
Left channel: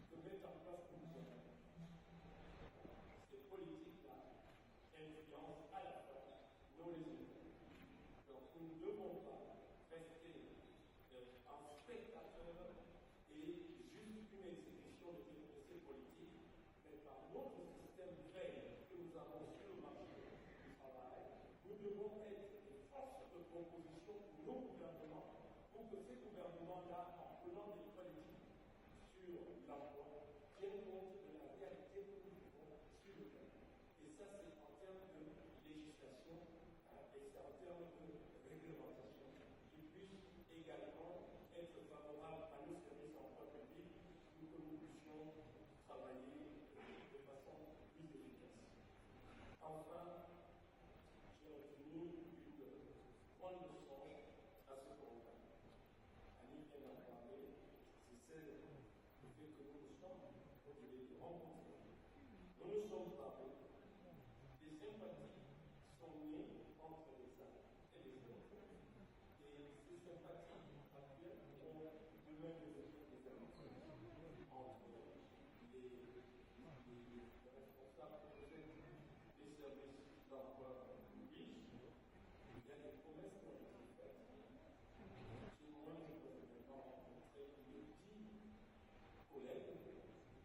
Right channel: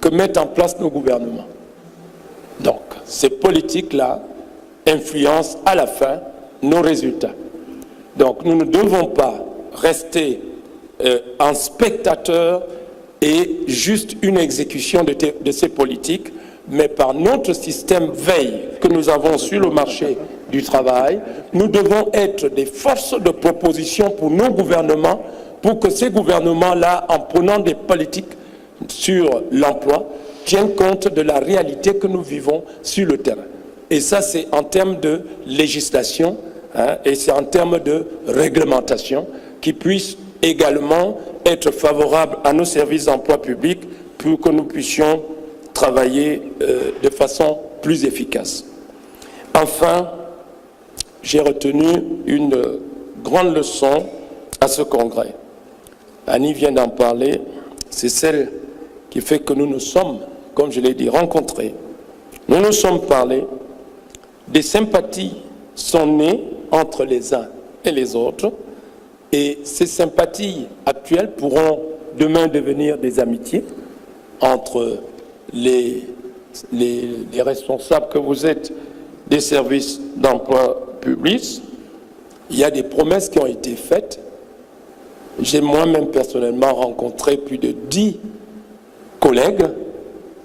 que mettent en place nos gouvernements. Donc, ces politiques-là influencent à la fin nos résultats. Donc, nous ne devons pas rester en spectateur et juste une exécution de ces politiques, mais par notre système veille que nous avons sur le marché du travail, nous devons être des forces de proposition pour nos gouvernements, pour que ces gouvernements-là, en prenant des politiques sur l'emploi, tiennent compte de la réalité que nous vivons sur le terrain. Et ça, c'est en termes de législation, et c'est en termes de réglementation, qui puissent également être favorables à nos services d'emploi public pour que nous puissions travailler de façon plus efficace. Enfin, j'ai retenu une grande leçon à ce congrès. Annie vient d'en parler, c'est celle qui fait que nous nous sommes, comme je l'ai dit, rencontrés. Nous nous sommes parlé, des sympathies sont nées entre les uns et les autres, et ces sympathies actuelles pourront demain devenir des amitiés entre les responsables que vous êtes des services d'emploi public. Il y a des promesses qui ont été faites. J'ai moi-même personnellement rencontré plus de 10 collègues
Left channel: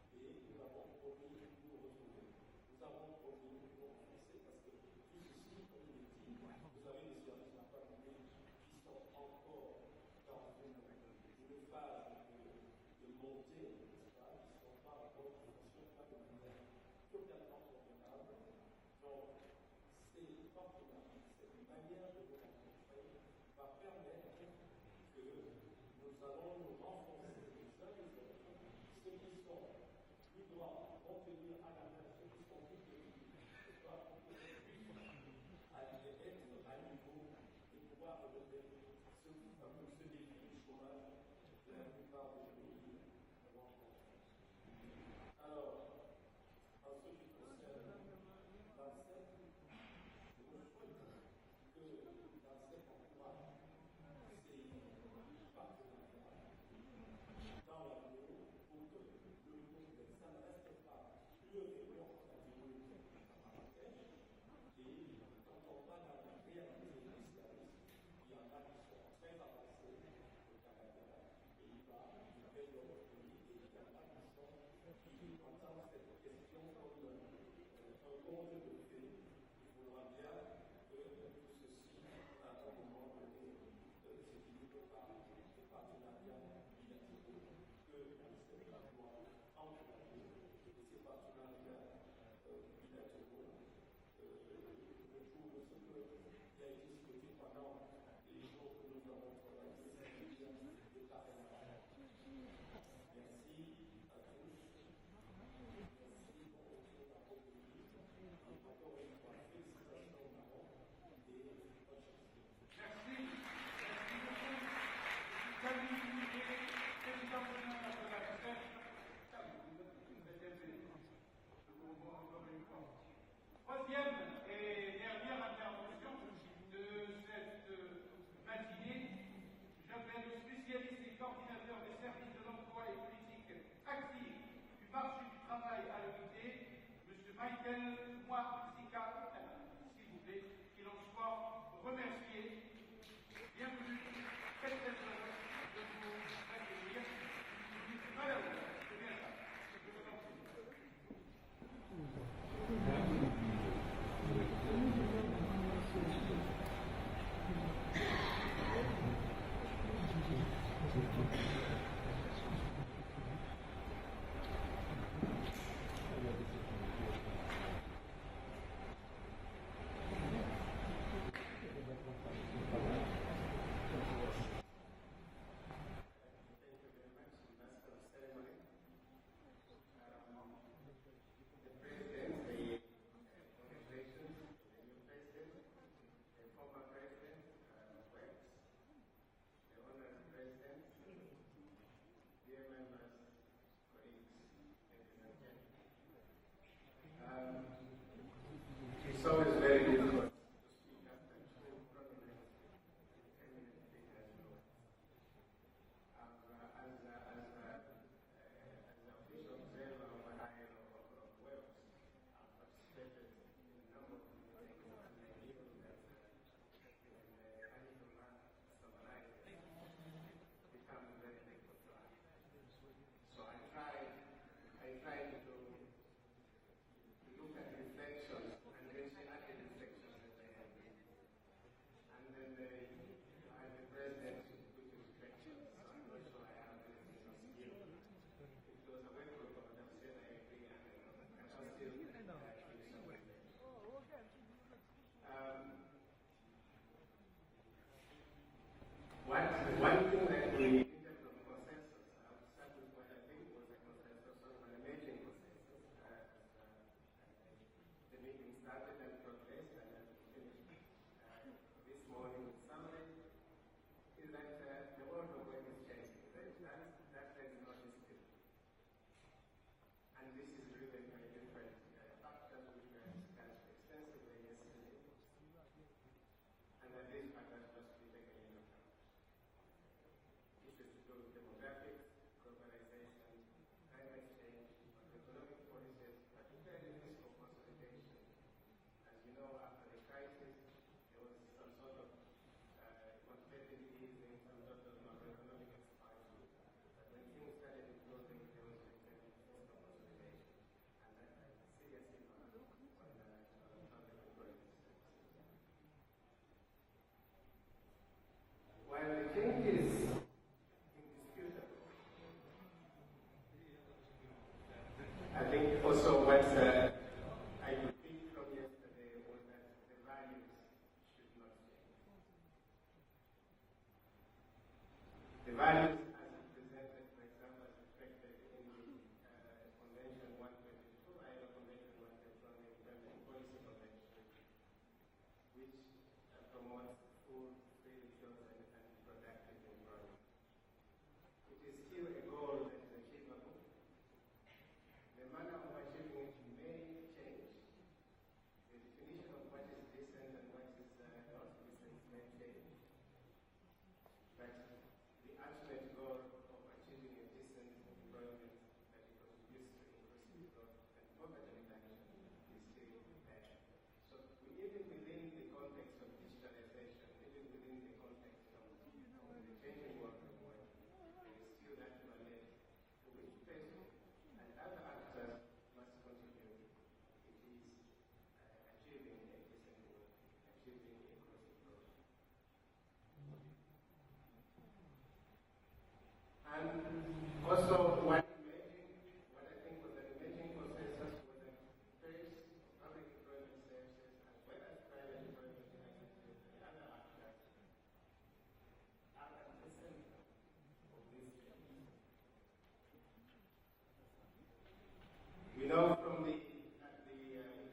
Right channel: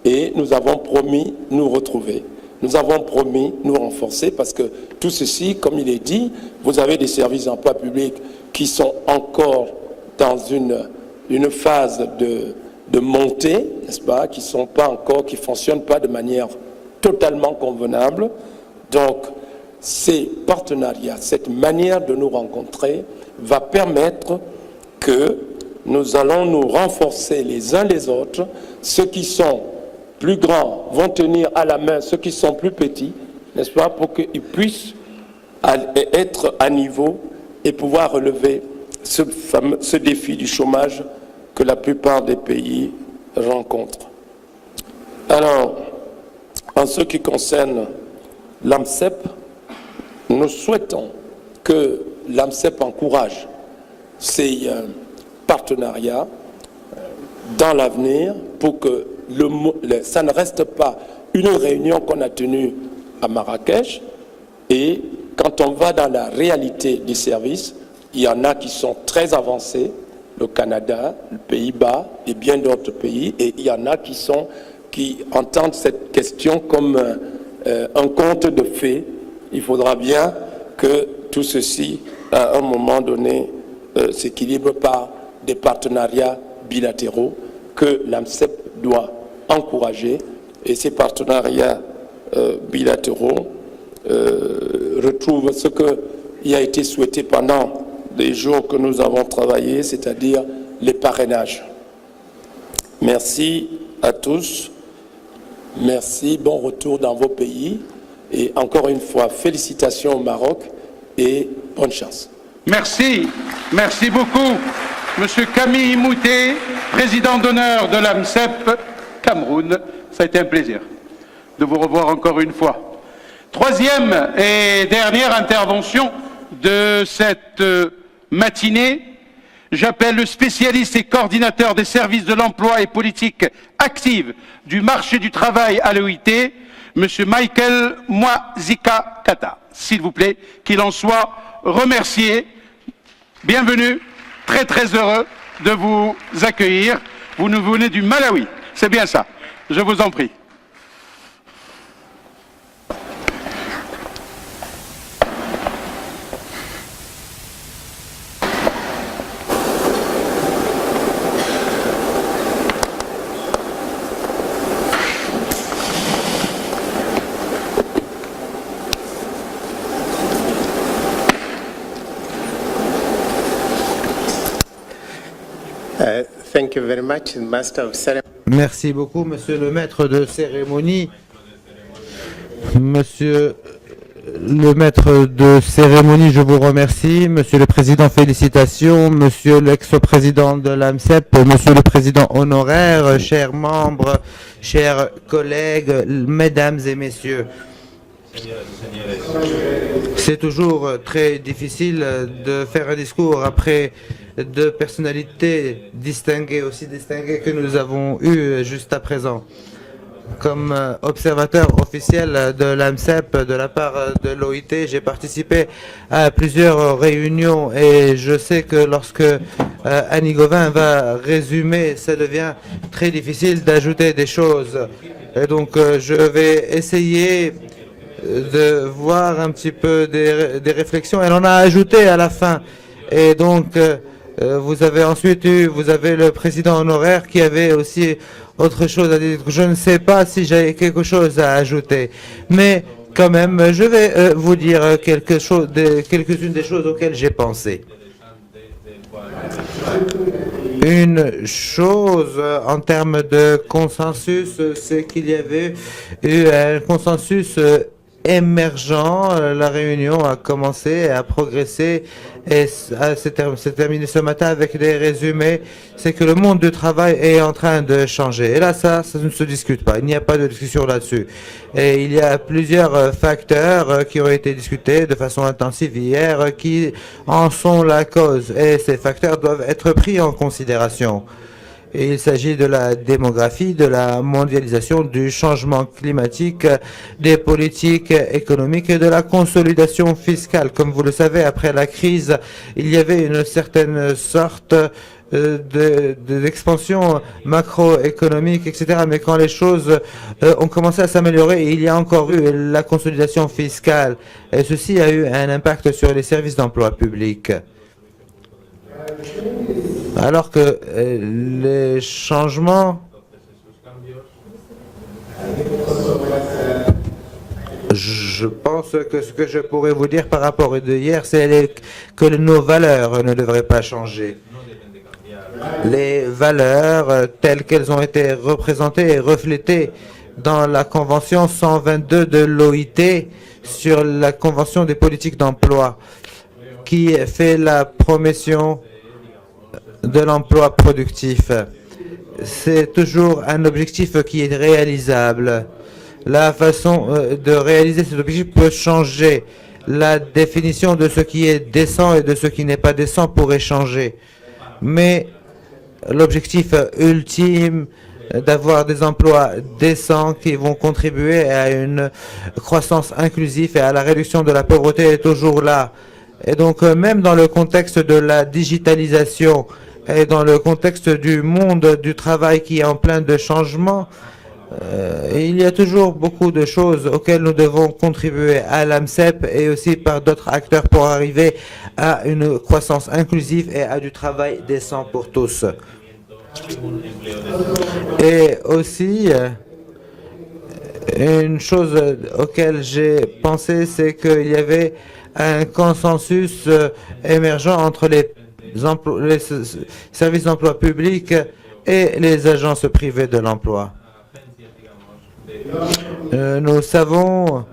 et nous avons promis nous retrouver. Nous avons promis nous renforcer parce que tout ceci, comme il est dit, vous avez des services d'emploi public qui sont encore dans une phase de montée, n'est-ce pas, qui ne fonctionnent pas de manière totalement convenable. Donc, ces partenariats, cette manière de nous rencontrer va permettre que nous allons nous renforcer les uns les autres. Ceux qui sont plus grands vont tenir à la main ceux qui sont plus petits, n'est-ce pas, pour qu'ils puissent être à niveau et pouvoir relever ce défi du chômage que la plupart des pays rencontrent. Alors, en ce qui concerne l'AMCEP, nous souhaitons que l'AMCEP encourage ces partenariats dans l'avenir pour que ça ne reste pas une réunion qu'on a tenue à Marrakech. Et quand on va dans la réalité des services, il y en a qui sont très avancés, le Canada, les Pays-Bas et bien d'autres pays, et il y en a qui entendent cette question comme un conte de fées. Il faudra bien que tout ceci, à un moment donné, s'équilibre par des partenariats bilatéraux que l'AMCEP doit encourager. Et ces partenariats bilatéraux retrouvent ce qui a été souhaité pendant les jours que nous avons travaillé, c'est-à-dire les parrainages. Merci à tous. Merci, bon retour dans vos pays. Et encore une fois, félicitations au Maroc et bonne chance. Merci, merci beaucoup. Monsieur Camille Moutet, président d'honneur de l'AMCEP Cameroun, ça a été un plaisir de vous revoir encore une fois. Troisième et dernière intervention de cette matinée, j'appelle le spécialiste et coordinateur des services de l'emploi et politique active du marché du travail à l'OIT, Monsieur Michael Mwazika Kata. S'il vous plaît, qu'il en soit remercié. Bienvenue, très très heureux de vous accueillir. Vous nous venez du Malawi, c'est bien ça. Je vous en prie. Thank you very much, Master of Ceremony. Merci beaucoup, Monsieur le maître de cérémonie. Monsieur le maître de cérémonie, je vous remercie. Monsieur le Président, félicitations. Monsieur l'ex-président de l'AMCEP, Monsieur le Président honoraire, chers membres, chers collègues, mesdames et messieurs. C'est toujours très difficile de faire un discours après deux personnalités distinguées, aussi distinguées que nous avons eues juste à présent. Comme observateur officiel de l'AMCEP de la part de l'OIT, j'ai participé à plusieurs réunions et je sais que lorsque Annie Gauvin va résumer, ça devient très difficile d'ajouter des choses. Et donc je vais essayer de voir un petit peu des réflexions. Elle en a ajouté à la fin. Et donc vous avez ensuite vous avez le président honoraire qui avait aussi autre chose à dire. Je ne sais pas si j'ai quelque chose à ajouter, mais quand même, je vais vous dire quelques-unes des choses auxquelles j'ai pensé. Une chose en termes de consensus, c'est qu'il y avait eu un consensus émergent. La réunion a commencé, a progressé et s'est terminé ce matin avec des résumés. C'est que le monde du travail est en train de changer. Et là, ça ne se discute pas. Il n'y a pas de discussion là-dessus. Et il y a plusieurs facteurs qui ont été discutés de façon intensive hier qui en sont la cause. Et ces facteurs doivent être pris en considération. Et il s'agit de la démographie, de la mondialisation, du changement climatique, des politiques économiques et de la consolidation fiscale. Comme vous le savez, après la crise, il y avait une certaine sorte d'expansion macroéconomique, etc. Mais quand les choses ont commencé à s'améliorer, il y a encore eu la consolidation fiscale. Et ceci a eu un impact sur les services d'emploi public. Alors que les changements, je pense que ce que je pourrais vous dire par rapport à hier, c'est que nos valeurs ne devraient pas changer. Les valeurs telles qu'elles ont été représentées et reflétées dans la Convention 122 de l'OIT sur la Convention des politiques d'emploi, qui fait la promotion de l'emploi productif. C'est toujours un objectif qui est réalisable. La façon de réaliser cet objectif peut changer. La définition de ce qui est décent et de ce qui n'est pas décent pourrait changer. Mais l'objectif ultime d'avoir des emplois décents qui vont contribuer à une croissance inclusive et à la réduction de la pauvreté est toujours là. Et donc, même dans le contexte de la digitalisation et dans le contexte du monde du travail qui est en plein de changements, il y a toujours beaucoup de choses auxquelles nous devons contribuer à l'AMCEP et aussi par d'autres acteurs pour arriver à une croissance inclusive et à du travail décent pour tous. Et aussi, une chose auquel j'ai pensé, c'est qu'il y avait un consensus émergent entre les services d'emploi public et les agences privées de l'emploi. Nous savons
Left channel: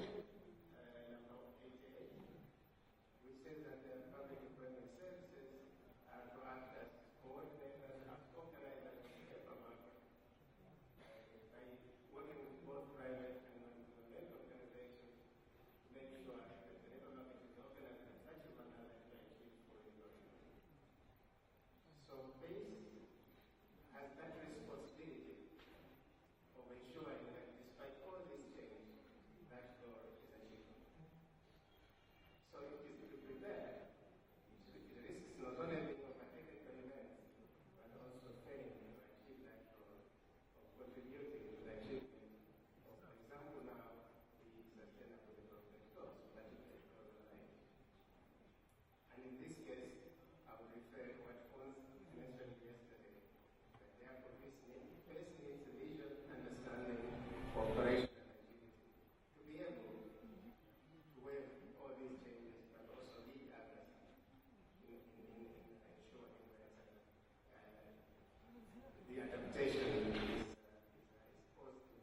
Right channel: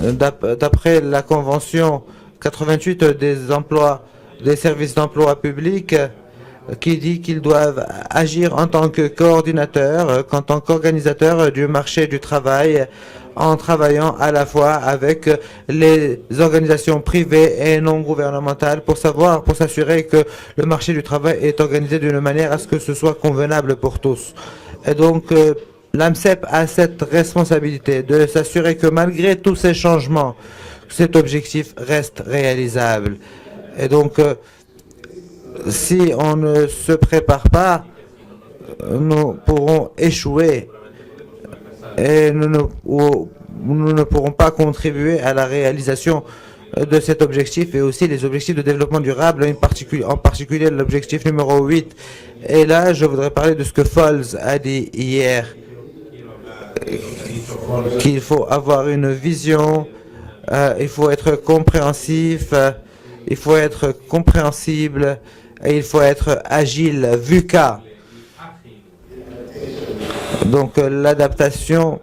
d'après la Convention 88 des services d'emploi public, qui dit qu'ils doivent agir en tant que coordinateurs, en tant qu'organisateurs du marché du travail, en travaillant à la fois avec les organisations privées et non gouvernementales pour s'assurer que le marché du travail est organisé d'une manière à ce que ce soit convenable pour tous. Et donc, l'AMCEP a cette responsabilité de s'assurer que malgré tous ces changements, cet objectif reste réalisable. Et donc, si on ne se prépare pas, nous pourrons échouer et nous ne pourrons pas contribuer à la réalisation de cet objectif et aussi les objectifs de développement durable, en particulier l'objectif numéro 8. Et là, je voudrais parler de ce que Falls a dit hier, qu'il faut avoir une vision, il faut être compréhensif, il faut être compréhensible et il faut être agile, VUCA. Donc l'adaptation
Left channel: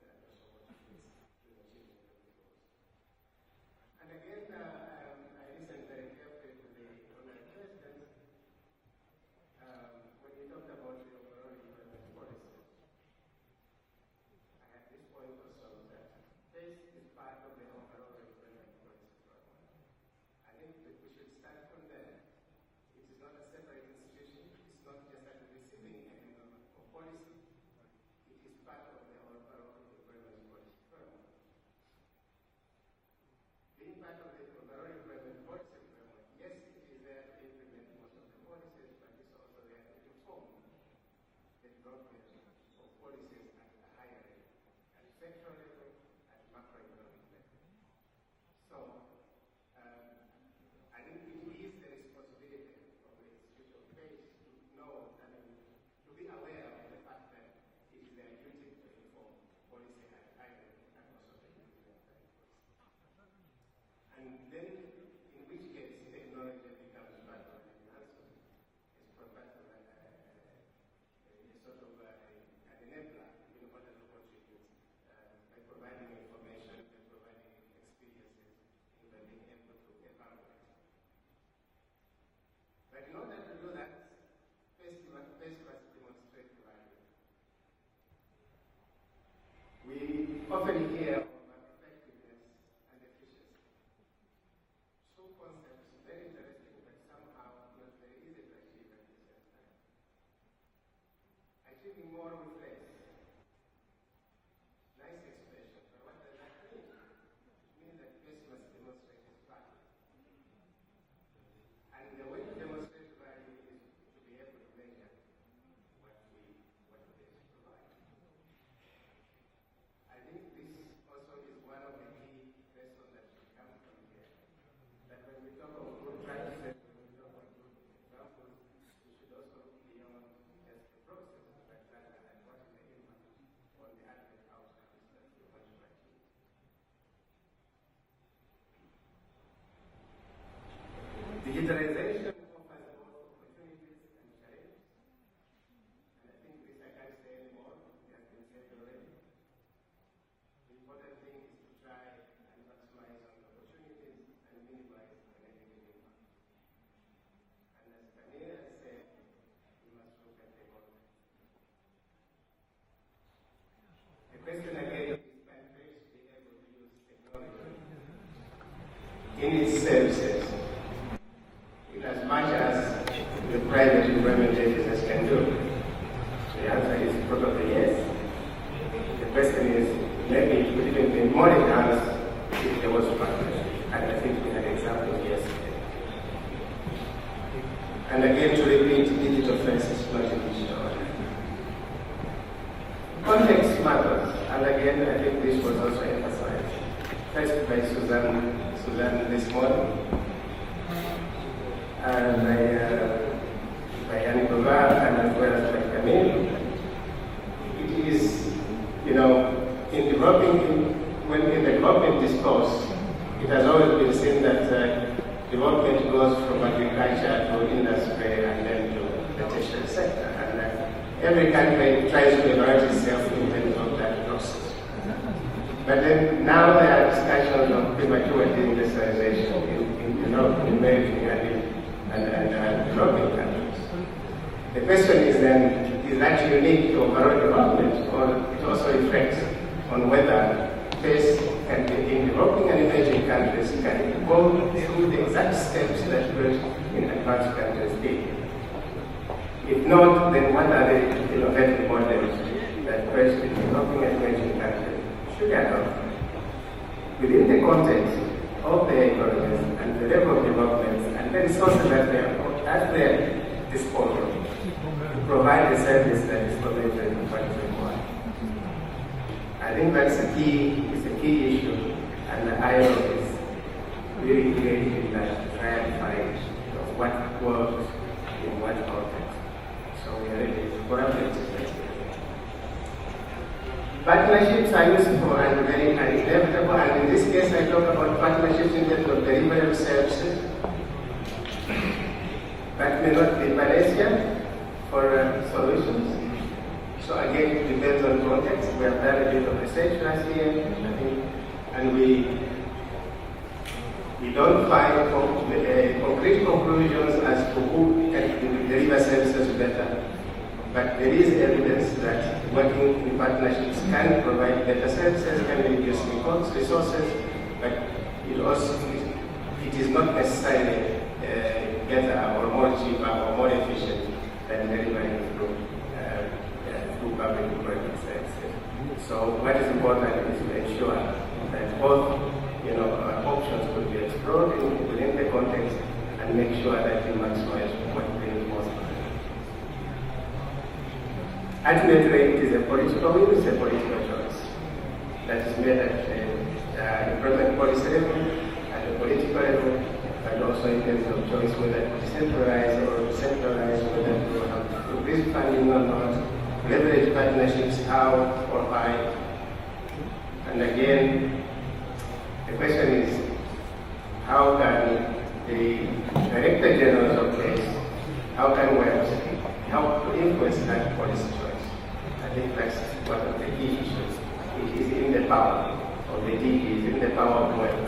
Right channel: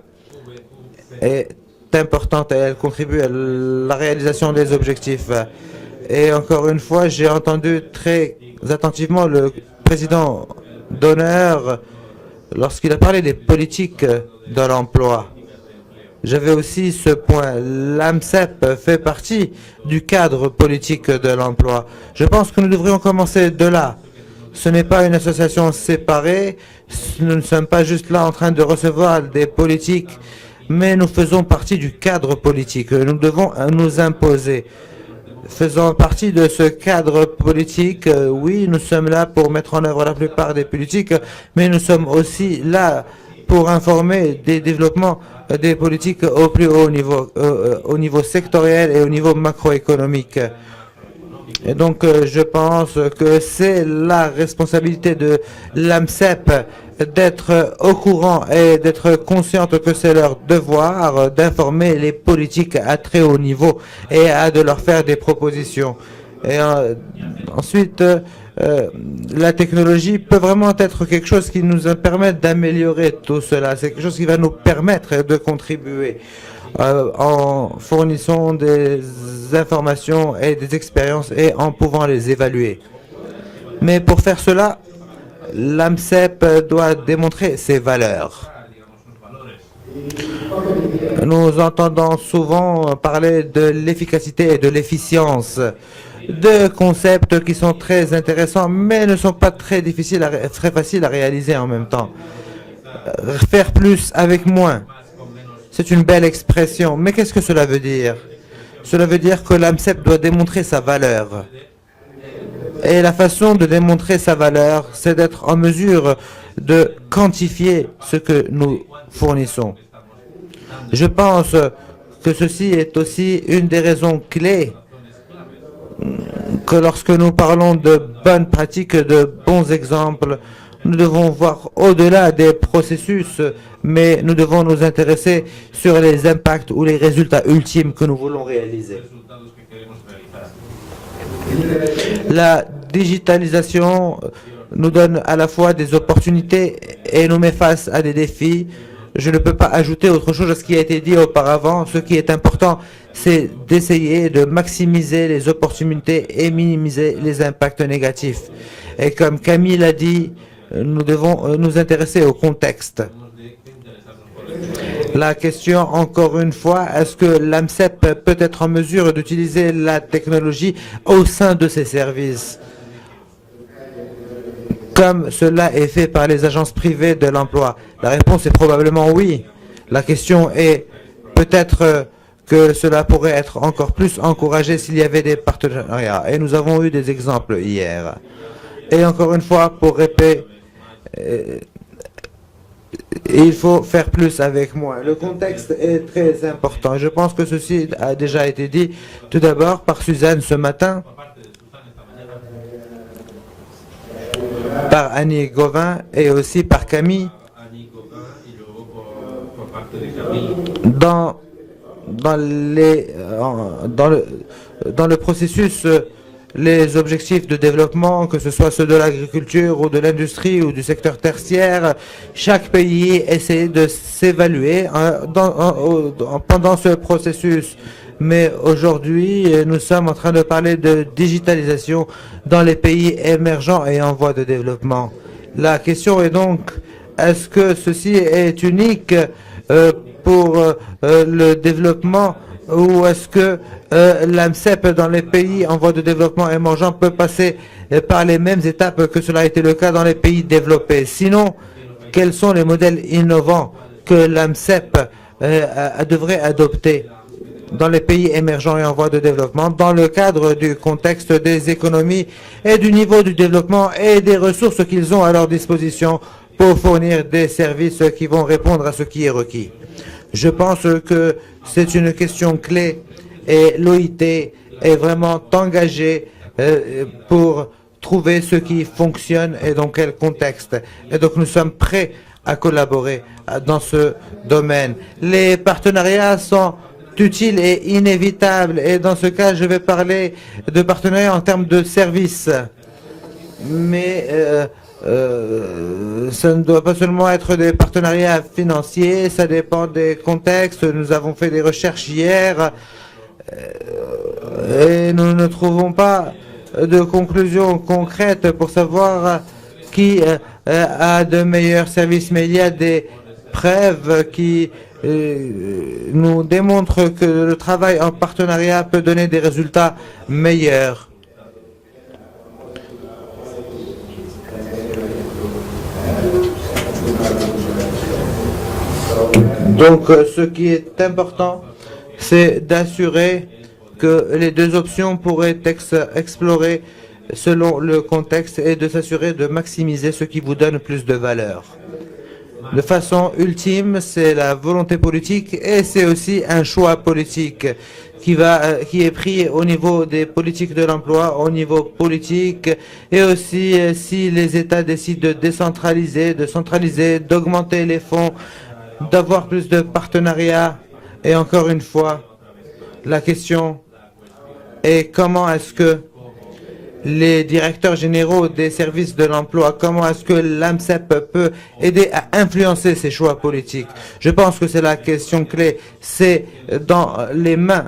est importante et elle contribue à la réalisation des objectifs. Et encore une fois, j'ai entendu très attentivement le président d'honneur lorsqu'il a parlé des politiques de l'emploi. J'avais aussi ce point. L'AMCEP fait partie du cadre politique de l'emploi. Je pense que nous devrions commencer de là. Ce n'est pas une association séparée. Nous ne sommes pas juste là en train de recevoir des politiques, mais nous faisons partie du cadre politique. Nous devons nous imposer. Faisant partie de ce cadre politique, oui, nous sommes là pour mettre en œuvre la plupart des politiques, mais nous sommes aussi là pour informer des développements des politiques au plus haut niveau, au niveau sectoriel et au niveau macroéconomique. Et donc, je pense que c'est la responsabilité de l'AMCEP d'être au courant et d'être consciente que c'est leur devoir d'informer les politiques à très haut niveau et de leur faire des propositions. Et ensuite, la technologie peut vraiment être quelque chose qui nous permette d'améliorer tout cela. C'est quelque chose qui va nous permettre de contribuer en fournissant des informations et des expériences et en pouvant les évaluer. Mais pour faire cela, l'AMCEP doit démontrer ses valeurs. Nous entendons souvent parler de l'efficacité et de l'efficience, deux concepts qui sont très intéressants, mais ne sont pas très faciles à réaliser en même temps. Faire plus avec moins, c'est une belle expression, mais qu'est-ce que cela veut dire? Cela veut dire que l'AMCEP doit démontrer sa valeur. Et la façon de démontrer sa valeur, c'est d'être en mesure de quantifier ce que nous fournissons. Je pense que ceci est aussi une des raisons clés que lorsque nous parlons de bonnes pratiques, de bons exemples, nous devons voir au-delà des processus, mais nous devons nous intéresser sur les impacts ou les résultats ultimes que nous voulons réaliser. La digitalisation nous donne à la fois des opportunités et nous met face à des défis. Je ne peux pas ajouter autre chose à ce qui a été dit auparavant. Ce qui est important, c'est d'essayer de maximiser les opportunités et minimiser les impacts négatifs. Et comme Camille l'a dit, nous devons nous intéresser au contexte. La question, encore une fois, est-ce que l'AMCEP peut être en mesure d'utiliser la technologie au sein de ses services, comme cela est fait par les agences privées de l'emploi? La réponse est probablement oui. La question est peut-être que cela pourrait être encore plus encouragé s'il y avait des partenariats. Et nous avons eu des exemples hier. Et encore une fois, pour répéter, il faut faire plus avec moins. Le contexte est très important. Je pense que ceci a déjà été dit tout d'abord par Suzanne ce matin, par Annie Gauvin et aussi par Camille. Dans le processus, les objectifs de développement, que ce soit ceux de l'agriculture ou de l'industrie ou du secteur tertiaire, chaque pays essaie de s'évaluer pendant ce processus. Mais aujourd'hui, nous sommes en train de parler de digitalisation dans les pays émergents et en voie de développement. La question est donc, est-ce que ceci est unique pour le développement ou est-ce que l'AMCEP dans les pays en voie de développement émergent peut passer par les mêmes étapes que cela a été le cas dans les pays développés? Sinon, quels sont les modèles innovants que l'AMCEP devrait adopter dans les pays émergents et en voie de développement dans le cadre du contexte des économies et du niveau du développement et des ressources qu'ils ont à leur disposition pour fournir des services qui vont répondre à ce qui est requis? Je pense que c'est une question clé et l'OIT est vraiment engagée pour trouver ce qui fonctionne et dans quel contexte. Et donc nous sommes prêts à collaborer dans ce domaine. Les partenariats sont utiles et inévitables et dans ce cas je vais parler de partenariats en termes de services. Mais ça ne doit pas seulement être des partenariats financiers, ça dépend des contextes. Nous avons fait des recherches hier et nous ne trouvons pas de conclusions concrètes pour savoir qui a de meilleurs services, mais il y a des preuves qui nous démontrent que le travail en partenariat peut donner des résultats meilleurs. Donc ce qui est important, c'est d'assurer que les deux options pourraient être explorées selon le contexte et de s'assurer de maximiser ce qui vous donne plus de valeur. De façon ultime, c'est la volonté politique et c'est aussi un choix politique qui est pris au niveau des politiques de l'emploi, au niveau politique et aussi si les États décident de décentraliser, de centraliser, d'augmenter les fonds, d'avoir plus de partenariats. Et encore une fois, la question est comment est-ce que les directeurs généraux des services de l'emploi, comment est-ce que l'AMCEP peut aider à influencer ces choix politiques? Je pense que c'est la question clé, c'est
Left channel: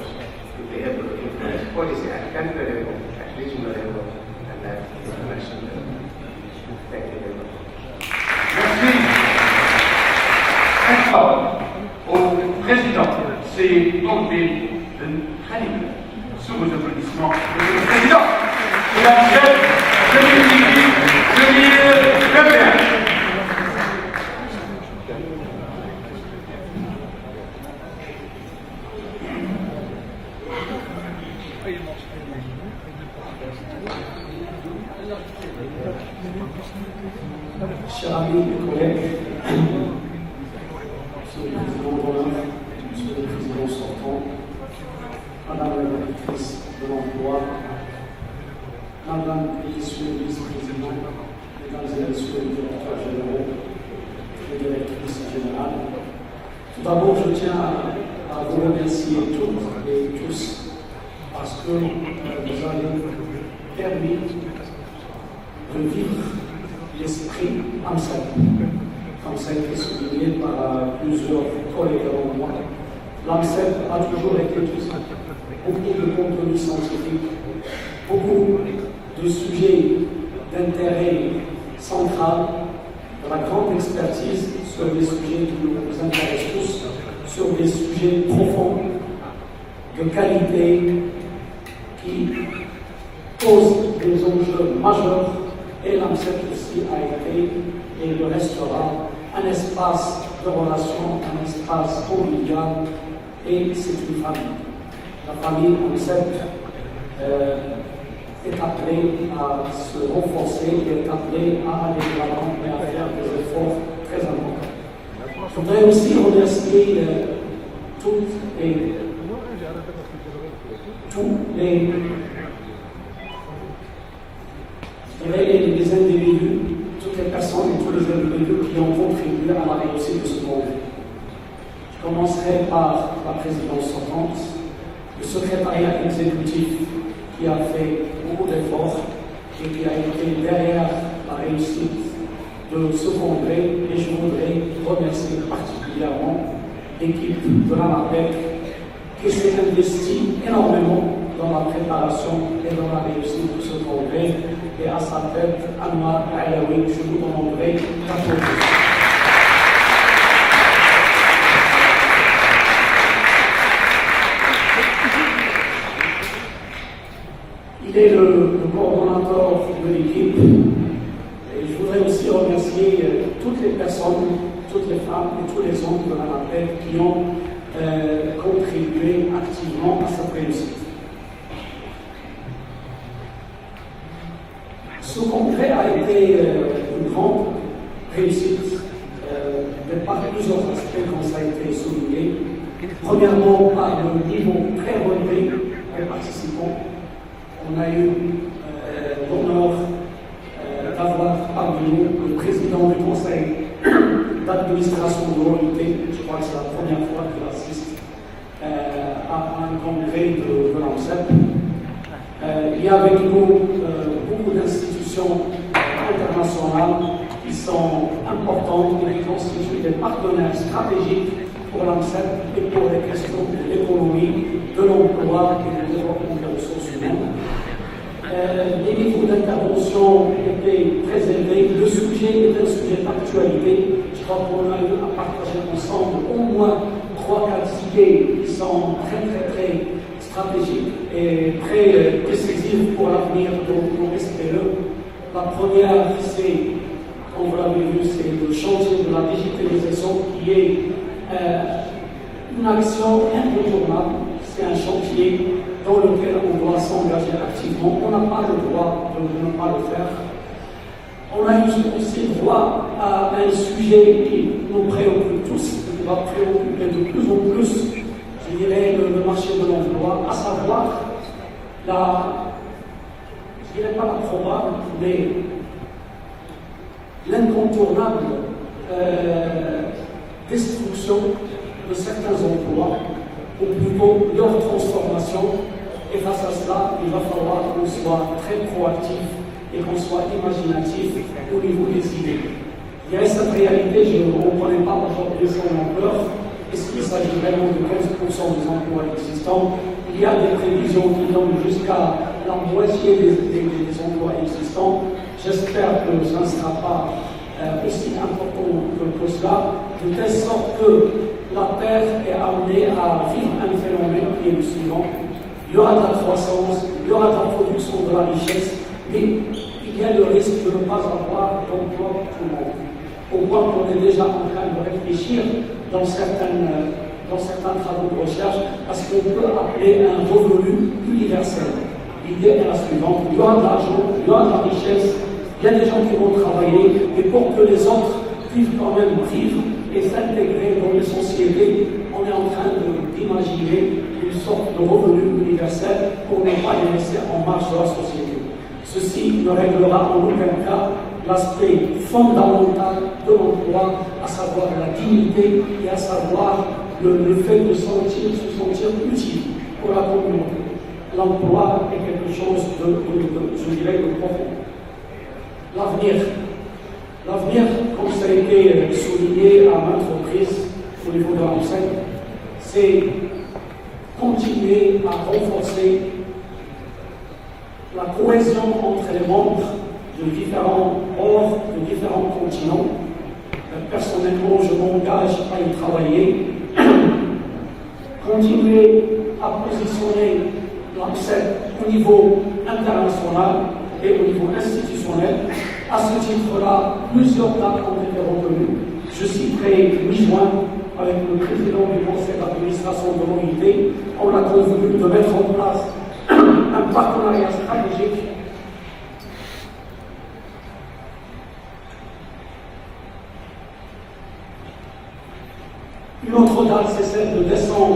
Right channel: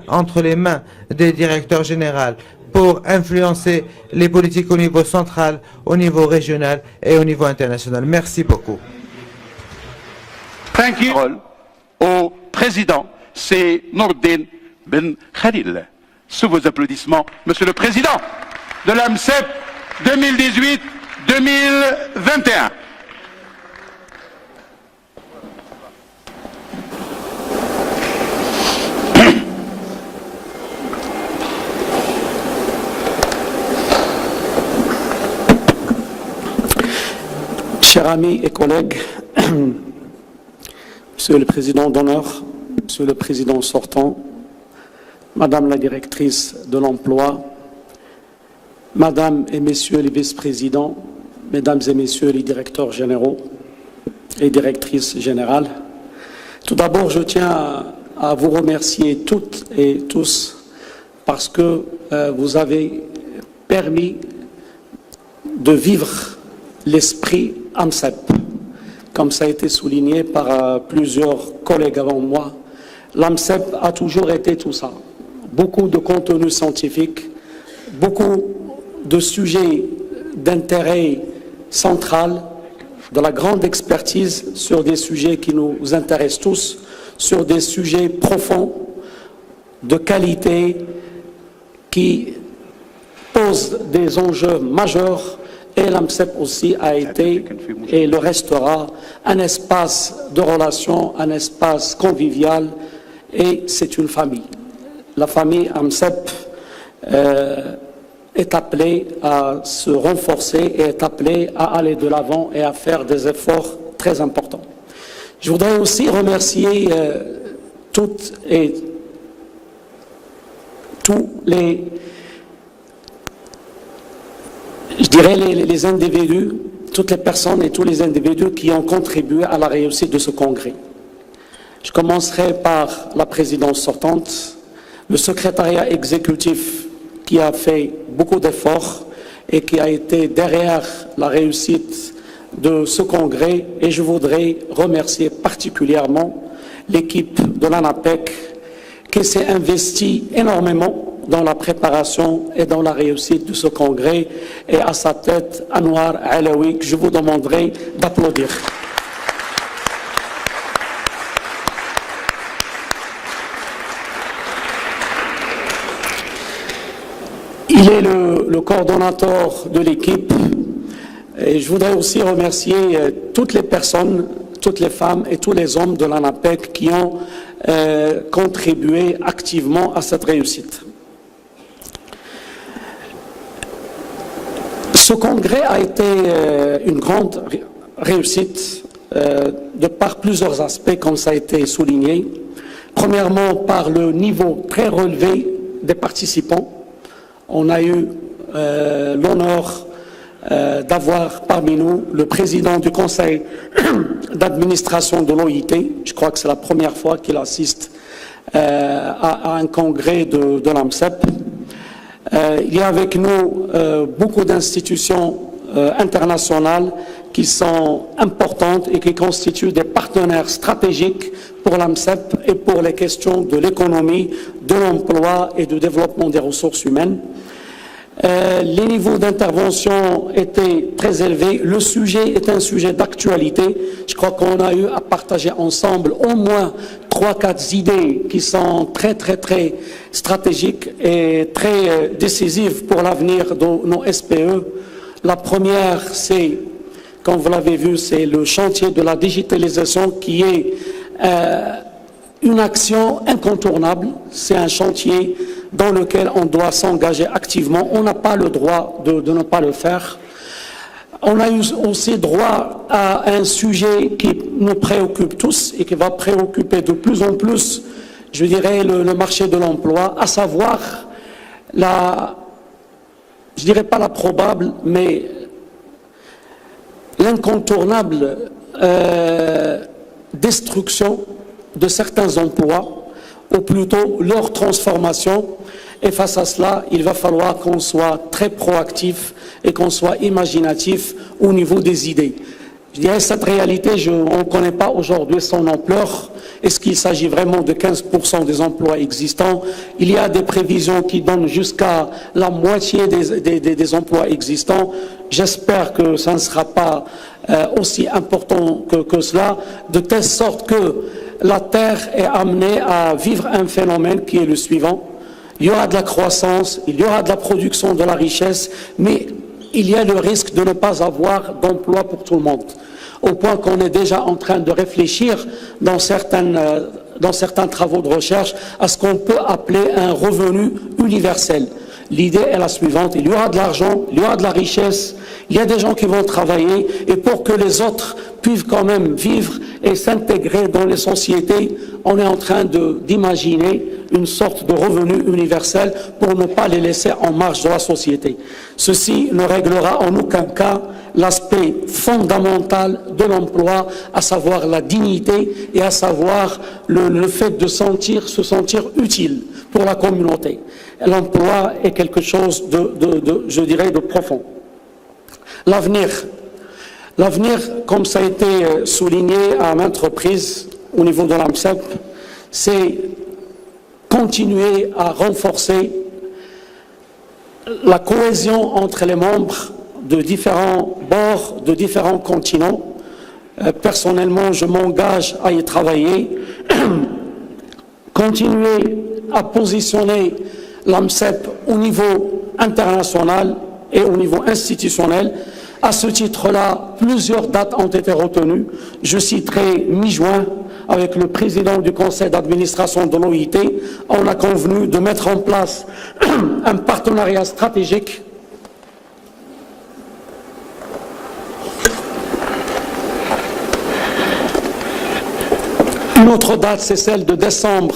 entre les mains des directeurs généraux pour influencer les politiques au niveau central, au niveau régional et au niveau international. Merci beaucoup. Thank you au président, c'est Nordin Ben Khalil. Sous vos applaudissements, Monsieur le Président de l'AMCEP 2018-2021. Chers amis et collègues, Monsieur le Président d'honneur, Monsieur le Président sortant, Madame la Directrice de l'Emploi, Madame et Messieurs les Vice-présidents, Mesdames et Messieurs les Directeurs généraux et Directrices générales, tout d'abord je tiens à vous remercier toutes et tous parce que vous avez permis de vivre l'esprit AMCEP, comme ça a été souligné par plusieurs collègues avant moi. L'AMCEP a toujours été tout ça. Beaucoup de contenu scientifique, beaucoup de sujets d'intérêt central, de la grande expertise sur des sujets qui nous intéressent tous, sur des sujets profonds, de qualité, qui posent des enjeux majeurs. Et l'AMCEP aussi a été et le restera un espace de relations, un espace convivial, et c'est une famille. La famille AMCEP est appelée à se renforcer et est appelée à aller de l'avant et à faire des efforts très importants. Je voudrais aussi remercier toutes et tous les, les individus, toutes les personnes et tous les individus qui ont contribué à la réussite de ce congrès. Je commencerai par la présidence sortante, le secrétariat exécutif qui a fait beaucoup d'efforts et qui a été derrière la réussite de ce congrès, et je voudrais remercier particulièrement l'équipe de l'ANAPEC qui s'est investi énormément dans la préparation et dans la réussite de ce congrès, et à sa tête, Anwar Alaoui, que je vous demanderai d'applaudir. Il est le coordonnateur de l'équipe, et je voudrais aussi remercier toutes les personnes, toutes les femmes et tous les hommes de l'ANAPEC qui ont contribué activement à cette réussite. Ce congrès a été une grande réussite de par plusieurs aspects, comme ça a été souligné. Premièrement, par le niveau très relevé des participants. On a eu l'honneur d'avoir parmi nous le président du conseil d'administration de l'OIT. Je crois que c'est la première fois qu'il assiste à un congrès de l'AMCEP. Il y a avec nous beaucoup d'institutions internationales qui sont importantes et qui constituent des partenaires stratégiques pour l'AMCEP et pour les questions de l'économie, de l'emploi et du développement des ressources humaines. Les niveaux d'intervention étaient très élevés. Le sujet est un sujet d'actualité. Je crois qu'on a eu à partager ensemble au moins 3-4 idées qui sont très stratégiques et très décisives pour l'avenir de nos SPE. La première, c'est, comme vous l'avez vu, c'est le chantier de la digitalisation qui est une action incontournable. C'est un chantier dans lequel on doit s'engager activement. On n'a pas le droit de ne pas le faire. On a eu aussi droit à un sujet qui nous préoccupe tous et qui va préoccuper de plus en plus, je dirais, le marché de l'emploi, à savoir je dirais pas la probable, mais l'incontournable destruction de certains emplois, ou plutôt leur transformation. Et face à cela, il va falloir qu'on soit très proactif et qu'on soit imaginatif au niveau des idées. Je dirais cette réalité, on ne connaît pas aujourd'hui son ampleur. Est-ce qu'il s'agit vraiment de 15% des emplois existants? Il y a des prévisions qui donnent jusqu'à la moitié des emplois existants. J'espère que ça ne sera pas aussi important que cela, de telle sorte que la Terre est amenée à vivre un phénomène qui est le suivant. Il y aura de la croissance, il y aura de la production de la richesse, mais il y a le risque de ne pas avoir d'emploi pour tout le monde. Au point qu'on est déjà en train de réfléchir dans certains travaux de recherche à ce qu'on peut appeler un revenu universel. L'idée est la suivante: il y aura de l'argent, il y aura de la richesse, il y a des gens qui vont travailler, et pour que les autres puissent quand même vivre et s'intégrer dans les sociétés, on est en train d'imaginer une sorte de revenu universel pour ne pas les laisser en marge de la société. Ceci ne réglera en aucun cas l'aspect fondamental de l'emploi, à savoir la dignité et à savoir le fait de se sentir utile pour la communauté. L'emploi est quelque chose je dirais, de profond. L'avenir, comme ça a été souligné à maintes reprises au niveau de l'AMCEP, c'est continuer à renforcer la cohésion entre les membres de différents bords, de différents continents. Personnellement, je m'engage à y travailler. Continuer à positionner l'AMCEP au niveau international et au niveau institutionnel. À ce titre-là, plusieurs dates ont été retenues. Je citerai mi-juin, avec le président du conseil d'administration de l'OIT, on a convenu de mettre en place un partenariat stratégique Une autre date, c'est celle de décembre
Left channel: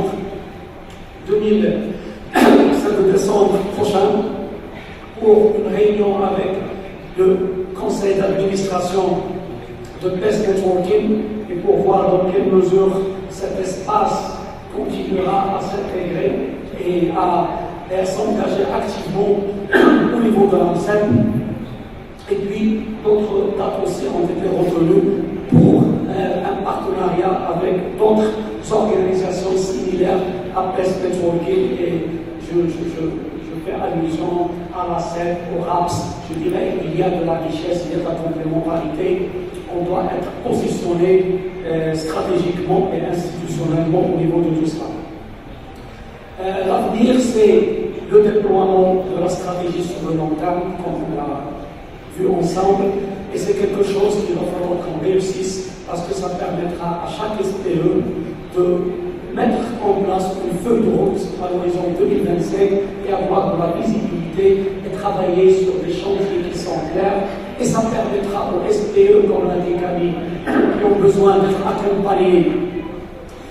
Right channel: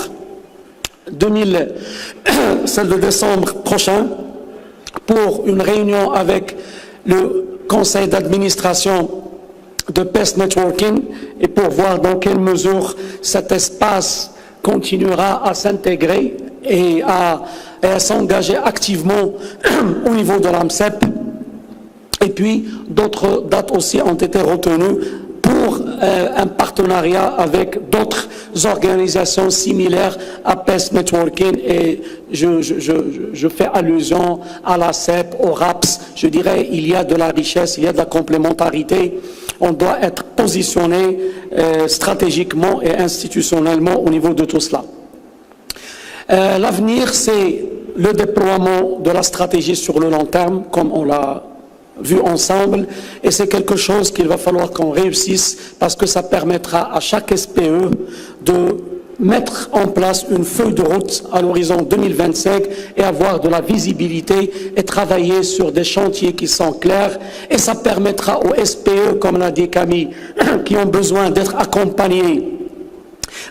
prochain, pour une réunion avec le conseil d'administration de PES Networking et pour voir dans quelle mesure cet espace continuera à s'intégrer et à s'engager activement au niveau de l'AMCEP. Et puis d'autres dates aussi ont été retenues pour un partenariat partenariat avec d'autres organisations similaires à PES Networking, et je fais allusion à la CEP, au RAPS. Je dirais il y a de la richesse, il y a de la complémentarité. On doit être positionné stratégiquement et institutionnellement au niveau de tout cela. L'avenir, c'est le déploiement de la stratégie sur le long terme, comme on l'a vu ensemble, et c'est quelque chose qu'il va falloir qu'on réussisse, parce que ça permettra à chaque SPE de mettre en place une feuille de route à l'horizon 2025 et avoir de la visibilité et travailler sur des chantiers qui sont clairs, et ça permettra aux SPE, comme l'a dit Camille, qui ont besoin d'être accompagnés,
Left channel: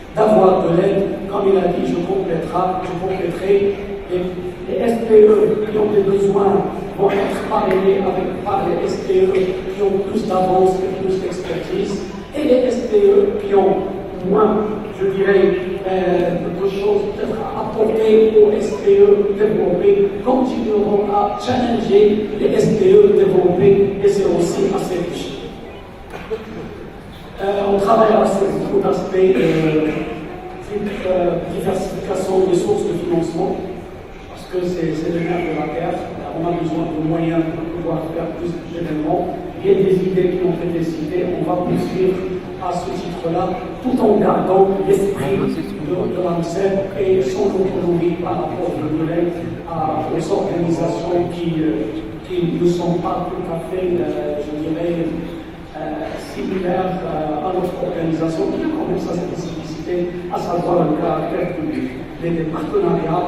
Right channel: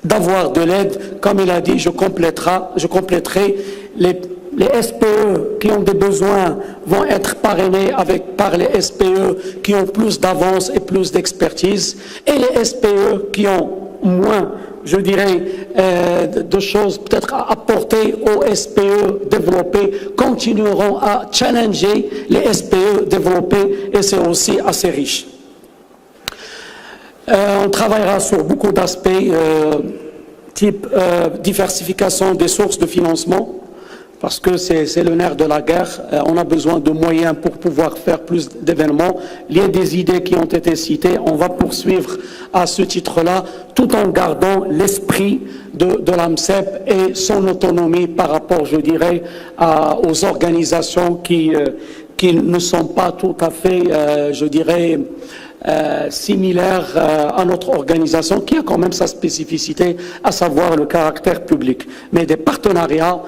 d'avoir de l'aide. Comme il a dit, je compléterai les SPE qui ont des besoins vont être parrainés par les SPE qui ont plus d'avance et plus d'expertise, et les SPE qui ont moins, je dirais, de choses peut-être à apporter aux SPE développés continueront à challenger les SPE développés, et c'est aussi assez riche. On travaillera sur beaucoup d'aspects, type diversification des sources de financement, parce que c'est le nerf de la guerre. On a besoin de moyens pour pouvoir faire plus d'événements. Il y a des idées qui ont été citées. On va poursuivre à ce titre-là, tout en gardant l'esprit de l'AMCEP et son autonomie par rapport, je dirais, aux organisations qui ne sont pas tout à fait, je dirais, similaire à notre organisation, qui a quand même sa spécificité, à savoir le caractère public. Mais des partenariats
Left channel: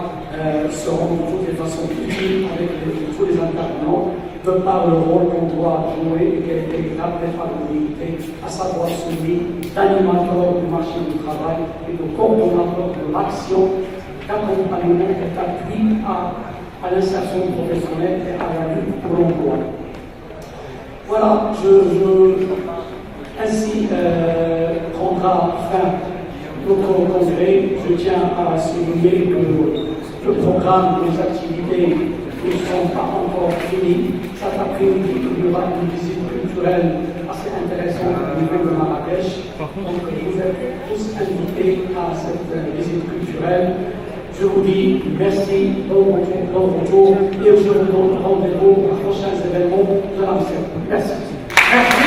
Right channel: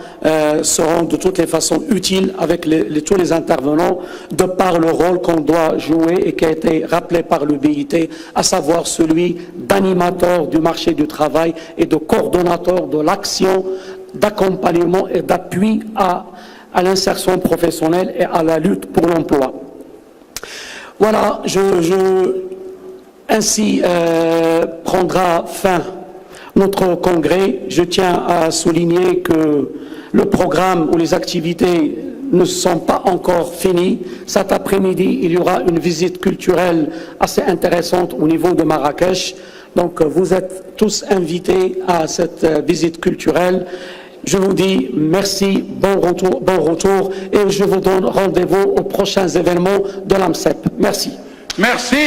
seront de toutes les façons utiles avec tous les intervenants, de par le rôle qu'on doit jouer et qui a été rappelé par le BIT, à savoir celui d'animateur du marché du travail et de coordonnateur de l'action, d'accompagnement et d'appui à l'insertion professionnelle et à la lutte pour l'emploi. Voilà, ainsi prendra fin notre congrès. Je tiens à souligner que le programme ou les activités ne sont pas encore finis. Cet après-midi, il y aura une visite culturelle assez intéressante au niveau de Marrakech. Donc, vous êtes tous invités à cette visite culturelle. Je vous dis merci, bon retour, et je vous donne rendez-vous aux prochains événements de l'AMCEP. Merci. Merci,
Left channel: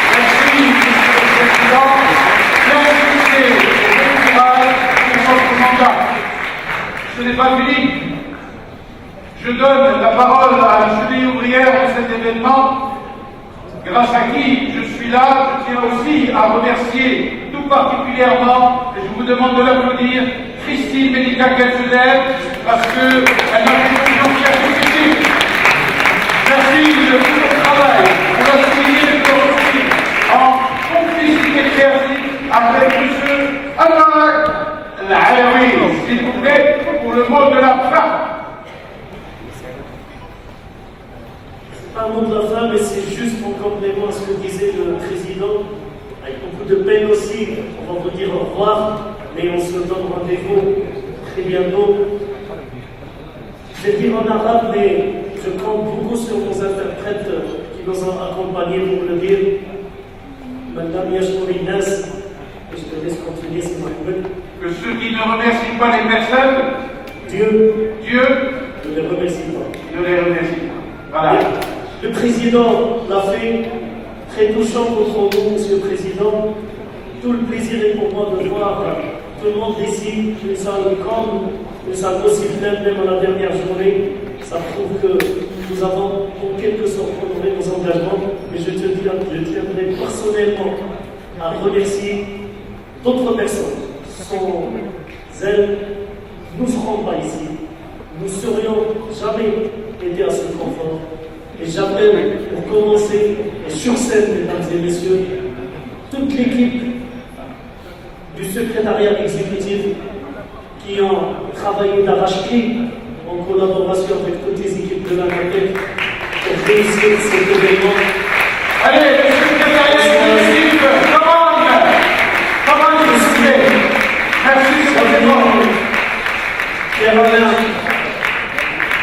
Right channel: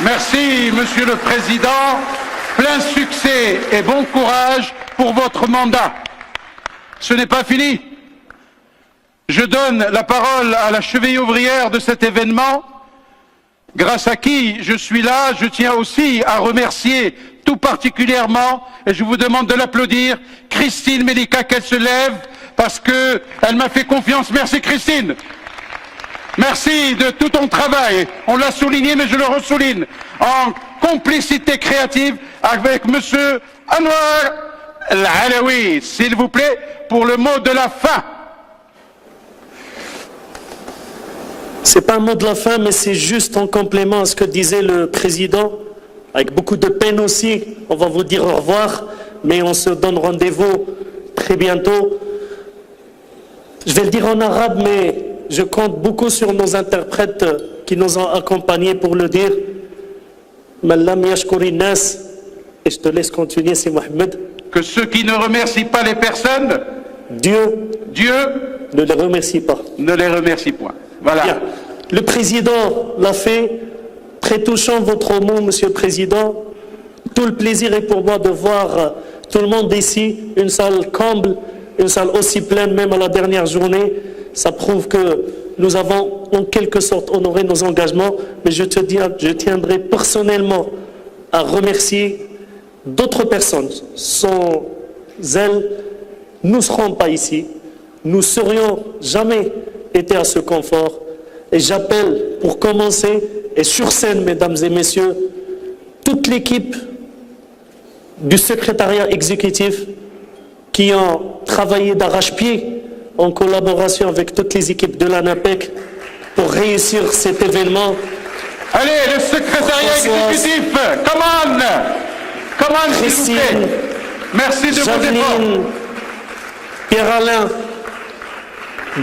Monsieur le Président. Plein succès et bon courage pour votre mandat. Ce n'est pas fini. Je donne la parole à la cheville ouvrière de cet événement, grâce à qui je suis là. Je tiens aussi à remercier tout particulièrement, et je vous demande de l'applaudir, Christine Melika, qu'elle se lève, parce qu'elle m'a fait confiance. Merci Christine. Merci de tout ton travail. On l'a souligné, mais je le souligne, en complicité créative avec Monsieur Anwar El-Alaoui, s'il vous plaît, pour le mot de la fin. C'est pas un mot de la fin, mais c'est juste en complément à ce que disait le président. Avec beaucoup de peine aussi, on va vous dire au revoir, mais on se donne rendez-vous très bientôt. Je vais le dire en arabe, mais je compte beaucoup sur nos interprètes qui nous ont accompagnés pour le dire. Mallam yashkouri nas, et je te laisse continuer, c'est Mohamed. Que ceux qui ne remercient pas les personnes, Dieu ne les remercie pas. Ne les remercie pas. Voilà. Le président l'a fait. Très touchant votre mot, Monsieur le Président. Tout le plaisir est pour moi de voir tout le monde ici, une salle comble, une salle aussi pleine même à la dernière journée. Ça prouve que nous avons en quelque sorte honoré nos engagements, mais je tiendrai personnellement à remercier d'autres personnes. Sans elles, nous ne serons pas ici. Nous ne serions jamais été à ce confort. Et j'appelle pour commencer, et sur scène, mesdames et messieurs, toute l'équipe du secrétariat exécutif qui ont travaillé d'arrache-pied en collaboration avec toutes les équipes de l'ANAPEC pour réussir cet événement. Allez, le secrétaire exécutif, comment Christine. Merci, Jean-Denis, Pierre-Alain,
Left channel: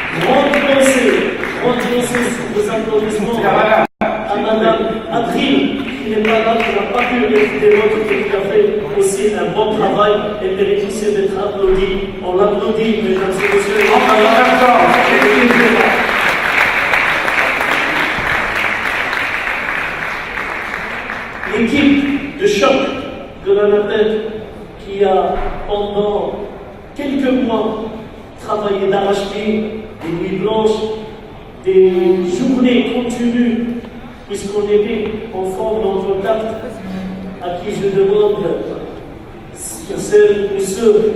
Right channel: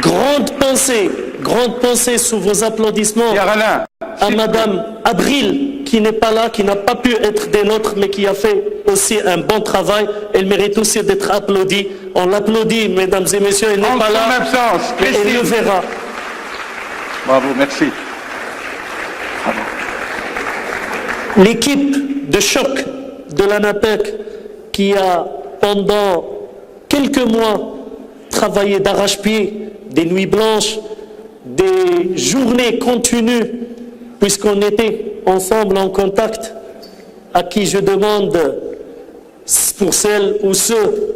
grande pensée sous vos applaudissements à Madame Abril, qui n'est pas là, qui n'a pas pu être des nôtres, mais qui a fait aussi un bon travail. Elle mérite aussi d'être applaudie. On l'applaudit, mesdames et messieurs. Bravo, merci. L'équipe de choc de l'ANAPEC qui a pendant quelques mois travaillé d'arrache-pied, des nuits blanches, des journées continues, puisqu'on était ensemble en contact, à qui je demande, pour celles ou ceux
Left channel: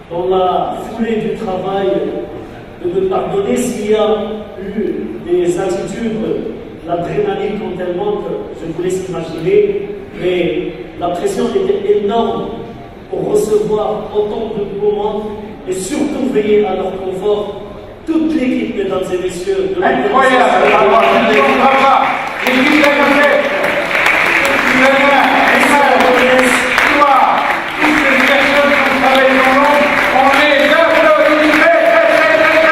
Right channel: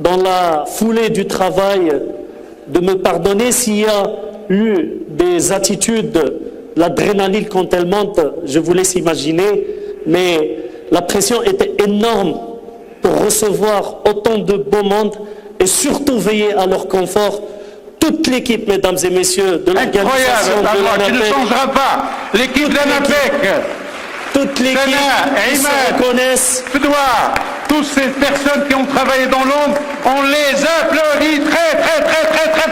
dans la foulée du travail, de me pardonner s'il y a eu des attitudes, l'adrénaline quand elle monte, je vous laisse imaginer, mais la pression était énorme pour recevoir autant de beau monde et surtout veiller à leur confort. Toute l'équipe, mesdames et messieurs, de l'organisation, L'équipe de l'ANAPEC, toutes les qui se reconnaissent, toutes ces personnes qui ont travaillé dans l'ombre, on les applaudit très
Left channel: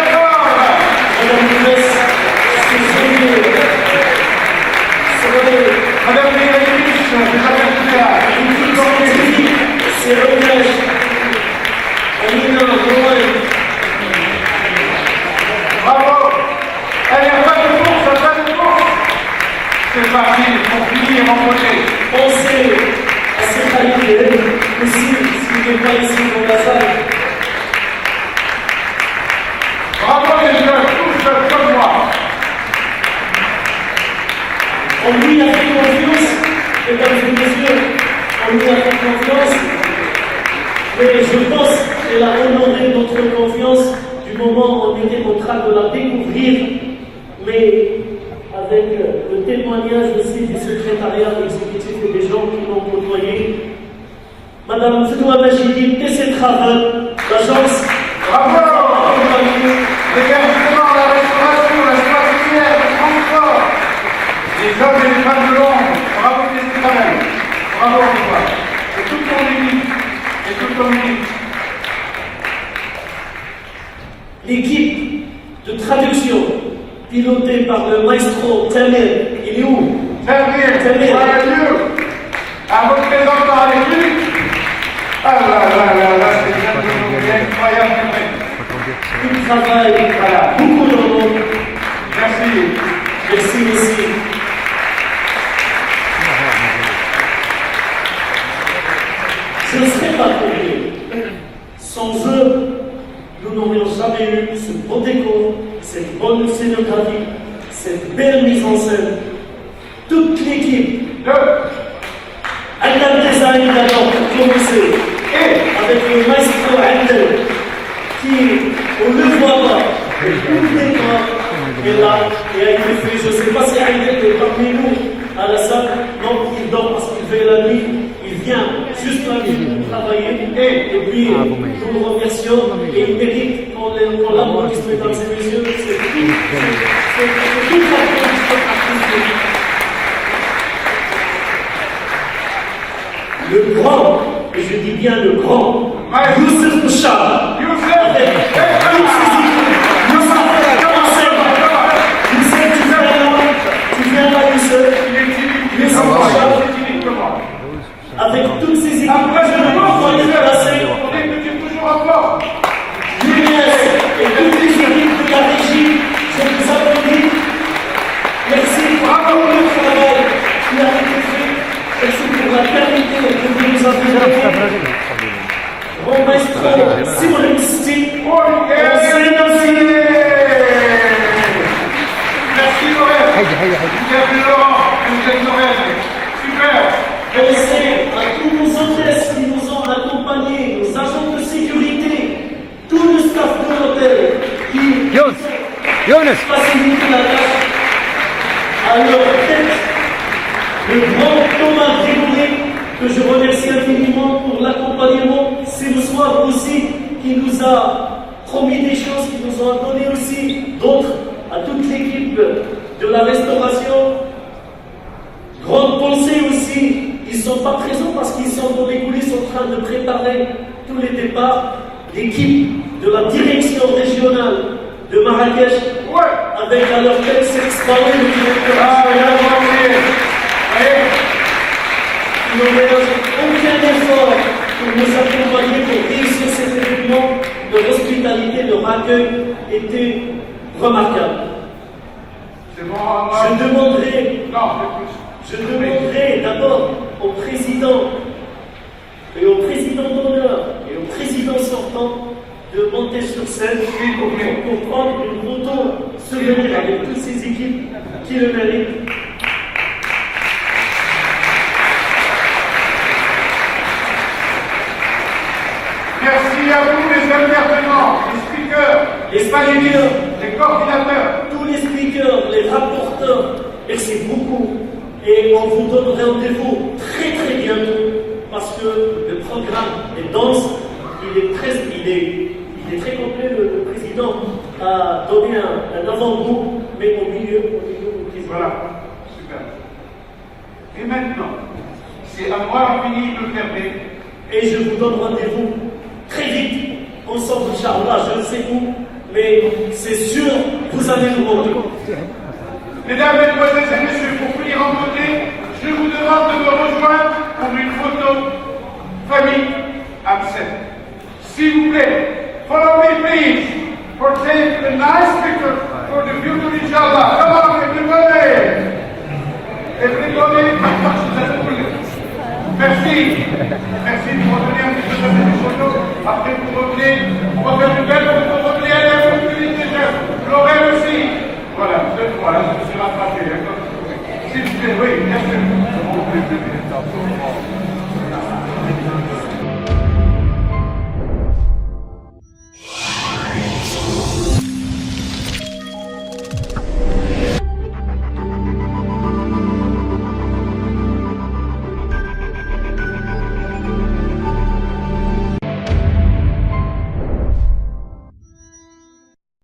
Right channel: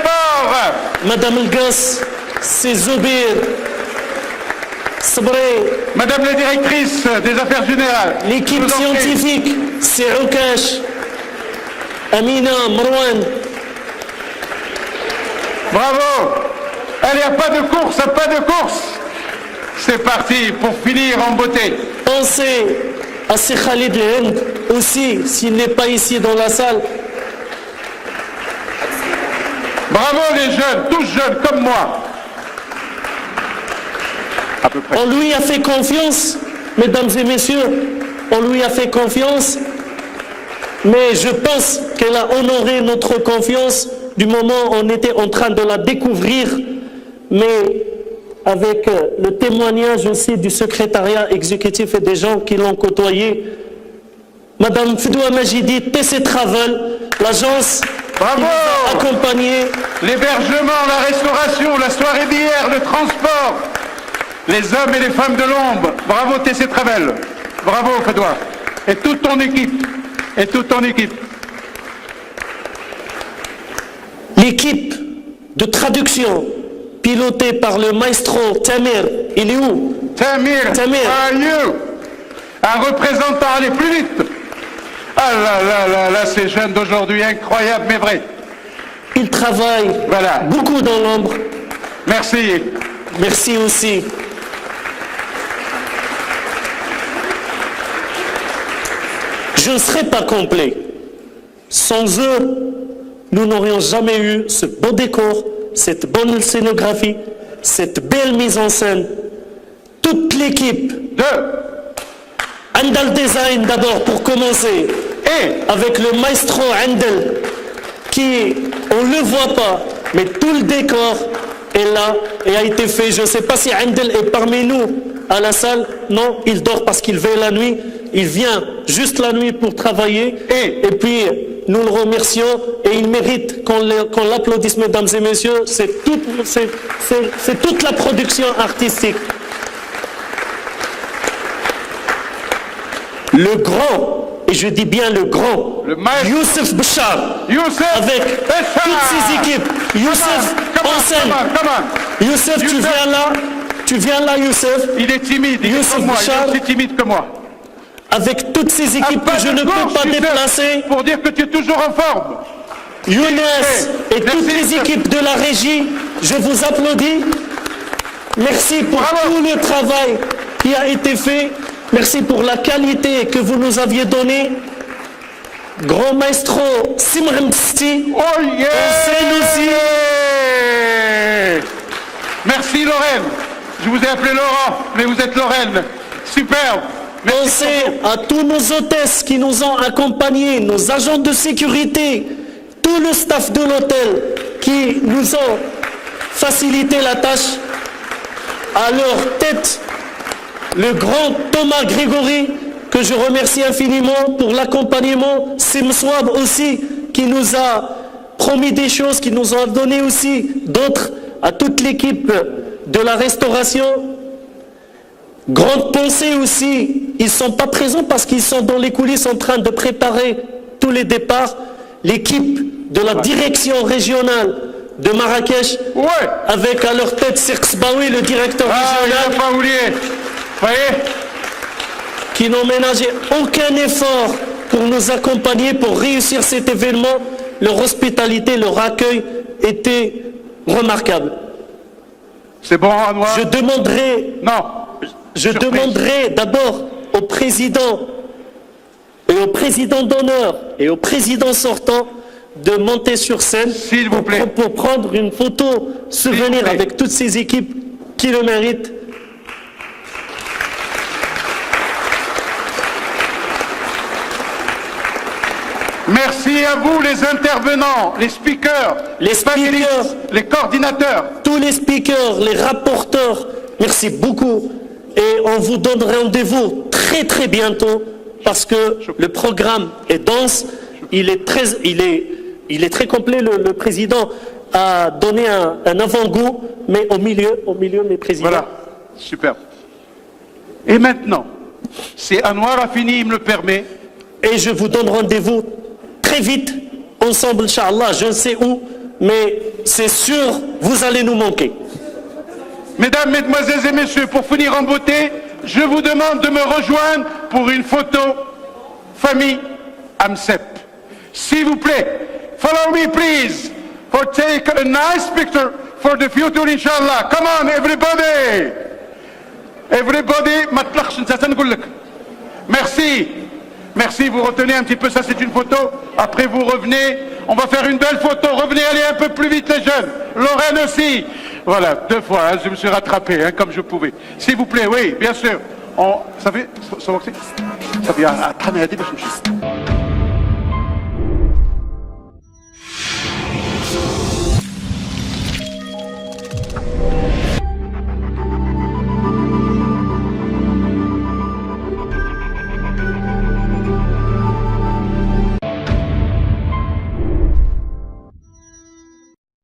fort. Madame Grace, Cézobir, Madame la directrice des affaires générales, l'équipe scientifique, Sirokash, Amina, Marwan. bravo. Pas de course. C'est parti pour finir en beauté. Pensez à ces Khalid Hind aussi, s'il n'est pas ici dans la salle. Bravo les jeunes, tous jeunes comme moi. On lui a fait confiance, mesdames et messieurs, on lui a fait confiance, mais je pense qu'elle a honoré notre confiance du moment où on était en train de la découvrir, mais avec le témoignage aussi du secrétariat exécutif et des gens qui l'ont côtoyé. Madame Fdoua Majidi, PC Travel, l'agence Bravo. accompagnée. L'hébergement, la restauration, la soirée d'hier, le transport, les hommes et les femmes de l'ombre. Bravo TC Travel. Bravo Fedouard. Et toute ton équipe. L'équipe de traduction pilotée par le maestro Tamir, il est où? Tamir, Tamir. un représentant à l'équipe. Ah là, ces jeunes d'aujourd'hui, incroyables mais vrais. Il travaille beaucoup dans l'ombre. Merci. Merci aussi. Je ne serais pas complet. Sans eux, nous n'aurions jamais eu ce beau décor, cette bonne scénographie, cette belle mise en scène. Toute l'équipe de Andal Design d'abord pour commencer, et avec le maestro Andal, qui, on ne le voit pas, mais tout le décor est là et a été fait. Je ne sais pas si Andal est parmi nous à la salle. Non, il dort parce qu'il veille la nuit. Il vient juste la nuit pour travailler et puis nous le remercions et il mérite qu'on l'applaudisse, mesdames et messieurs. C'est toute la production artistique. Le grand, et je dis bien le grand, Youssef Bouchard, avec toutes ses équipes. Youssef, enseigne. Youssef, tu viens là, Youssef. Il est timide, Youssef Bouchard, plus timide que moi. avec toutes ses équipes, je ne peux pas les placer. Pour dire que tu es toujours en forme. Younes et toutes les équipes de la régie, je vous applaudis. Merci pour tout le travail qui a été fait. Merci pour la qualité que vous nous aviez donnée. Grand maestro Simon Sti. Oh yeah! Merci Lorraine. Vous êtes Laurent, mais vous êtes Lorraine. Super. Merci à tous nos hôtesses qui nous ont accompagnés, nos agents de sécurité, tout le staff de l'hôtel qui nous ont facilité la tâche. À leur tête, le grand Thomas Grégory, que je remercie infiniment pour l'accompagnement, Simswab aussi, qui nous a promis des choses, qui nous a donné aussi d'autres, à toute l'équipe de la restauration. Grande pensée aussi, ils ne sont pas présents parce qu'ils sont dans les coulisses en train de préparer tous les départs. L'équipe de la direction régionale de Marrakech, avec à leur tête Sirks Baoui, le directeur régional, qui qui n'ont ménagé aucun effort pour nous accompagner, pour réussir cet événement. Leur hospitalité, leur accueil était remarquable. C'est bon à moi. Je demanderai d'abord au président et au président d'honneur et au président sortant de monter sur scène S'il vous plaît. pour prendre une photo souvenir avec toutes ces équipes qui le méritent. Merci à vous les intervenants, les speakers, les coordinateurs. Tous les speakers, les rapporteurs, merci beaucoup. Et on vous donne rendez-vous très très bientôt parce que le programme est dense, il est très complet. Le président a donné un avant-goût, mais au milieu, mes présidents. Voilà, super. Et maintenant, si Anwar Afini me le permet, Et je vous donne rendez-vous très vite, ensemble, Inch'Allah, je ne sais où, mais c'est sûr, vous allez nous manquer. mesdames, mesdemoiselles et messieurs, pour finir en beauté, je vous demande de me rejoindre pour une photo famille Amset. S'il vous plaît, follow me please, for take a nice picture for the future, Inch'Allah. Come on, everybody! Everybody, merci. Merci, vous retenez un petit peu, ça c'est une photo. Après vous revenez, on va faire une belle photo. Revenez, allez un peu plus vite les jeunes. Lorraine aussi. Voilà, 2 fois, je me suis rattrapé, comme je pouvais. S'il vous plaît, oui, bien sûr. Vous savez, ça va.